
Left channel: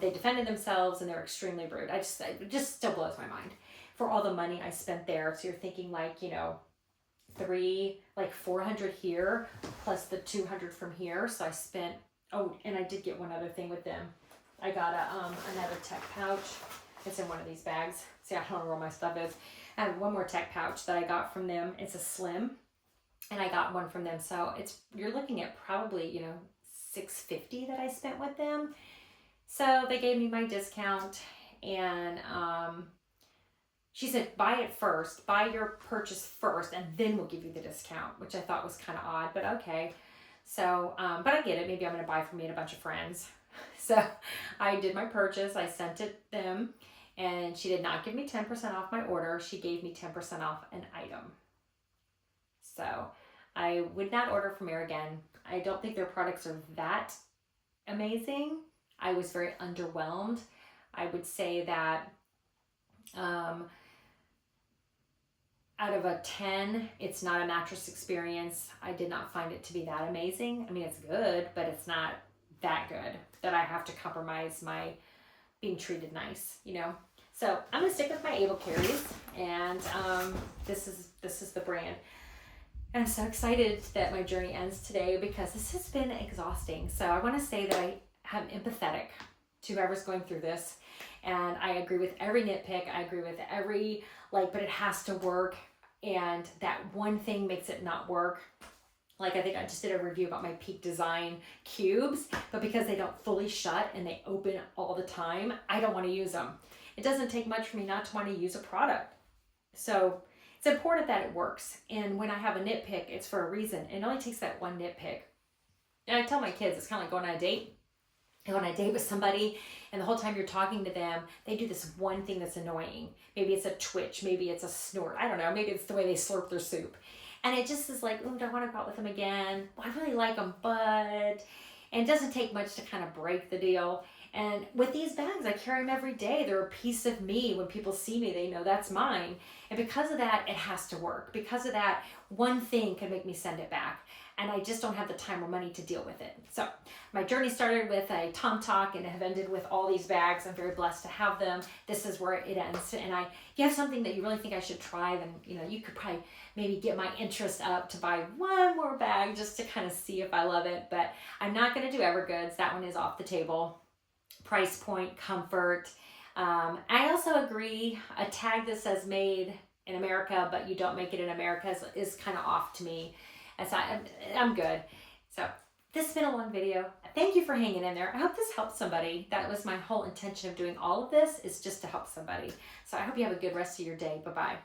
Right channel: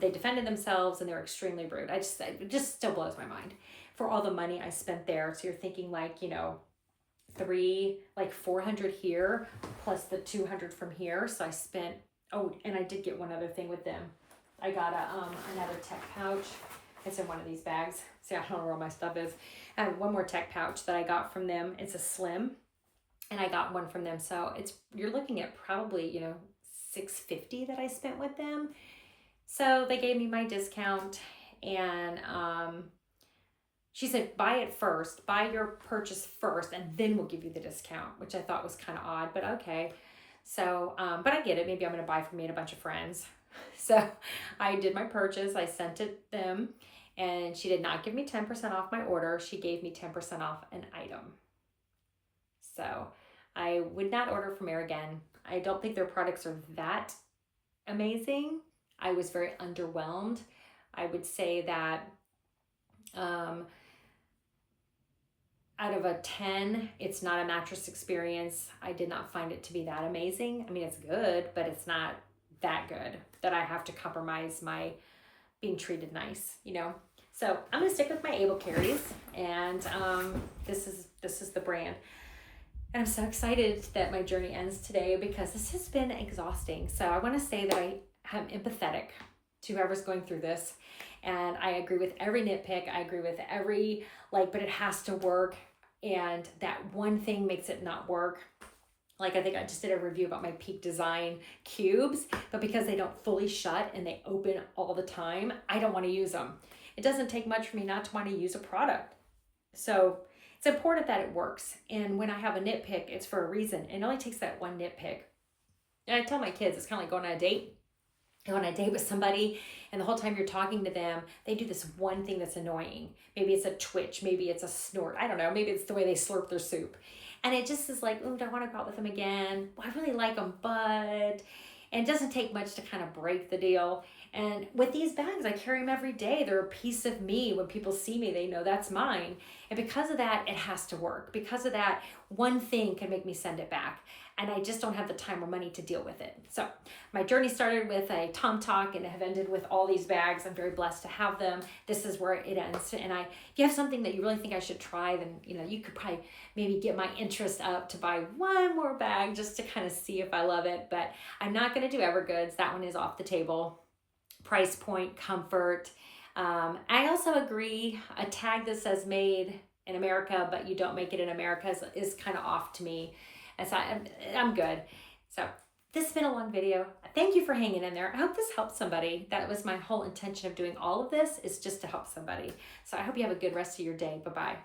They defended themselves and they're extremely rude. It just still blows my mind for all the money I spent there. So you're thinking like, 400 here plus the 200 from here. So I spent, and I did get one other thing with them. I got another tech pouch. It's in one of these bags. See, I don't know where all my stuff is. I have one more tech pouch that I got from them. It's a slim, and I got one from them. So you're looking at probably, $650 that I spent with them. So they gave me my discount, and she said, buy your purchase first, and then we'll give you the discount, which I thought was kind of odd, but okay. So, but I get it. Maybe I'm going to buy for me and a bunch of friends. So I did my purchase. I sent it them, and she did not give me 10% off my order. She gave me 10% off an item. So I would not order from her again. I don't think their products are that amazing. I was very underwhelmed. I would say that out of a 10, it's not a mattress experience. I did not find it to be that amazing. I mean, it's good, but it's not that good that I have to compromise my being treated nice, So I'm gonna stick with my Able Carries, and this is the brand. And I'm so excited that my journey ends today because this has been exhausting. So I want to say that I am empathetic to whoever's going through this. And I agree with every nitpick. I agree with every, but it has to work. And that one thing makes it not work. Like I think I just did a review about my Peak Design cubes, but because they don't fully shut and they open all the time, I don't want to use them. It doesn't take much for me not to want to use a product. So it's important that it works. And when I have a nitpick, it's for a reason. It only takes that one nitpick. And I tell my kids, it's kind of like going on a date. And when I date with somebody and the whole time you're talking to them, they do this one thing that's annoying. Maybe it's a twitch, maybe it's a snort. I don't know. Maybe it's the way they slurp their soup. And it just is like, oh, do I want to go out with them again? Well, I really like them, but... And it doesn't take much to kind of break the deal. And with these bags, I carry them every day. They're a piece of me. When people see me, they know that's mine. And because of that, it has to work. Because of that, one thing can make me send it back. And I just don't have the time or money to deal with it. So my journey started with a Tom Talk and have ended with all these bags. I'm very blessed to have them. This is where it ends. And if you have something that you really think I should try, then you could probably maybe get my interest up to buy one more bag just to kind of see if I love it. But I'm not going to do Evergoods. That one is off the table. Price point, comfort. I also agree, a tag that says made in America, but you don't make it in America is kind of off to me. And so I'm good. So this has been a long video. Thank you for hanging in there. I hope this helps somebody. That was my whole intention of doing all of this, is just to help somebody. So I hope you have a good rest of your day. Bye-bye.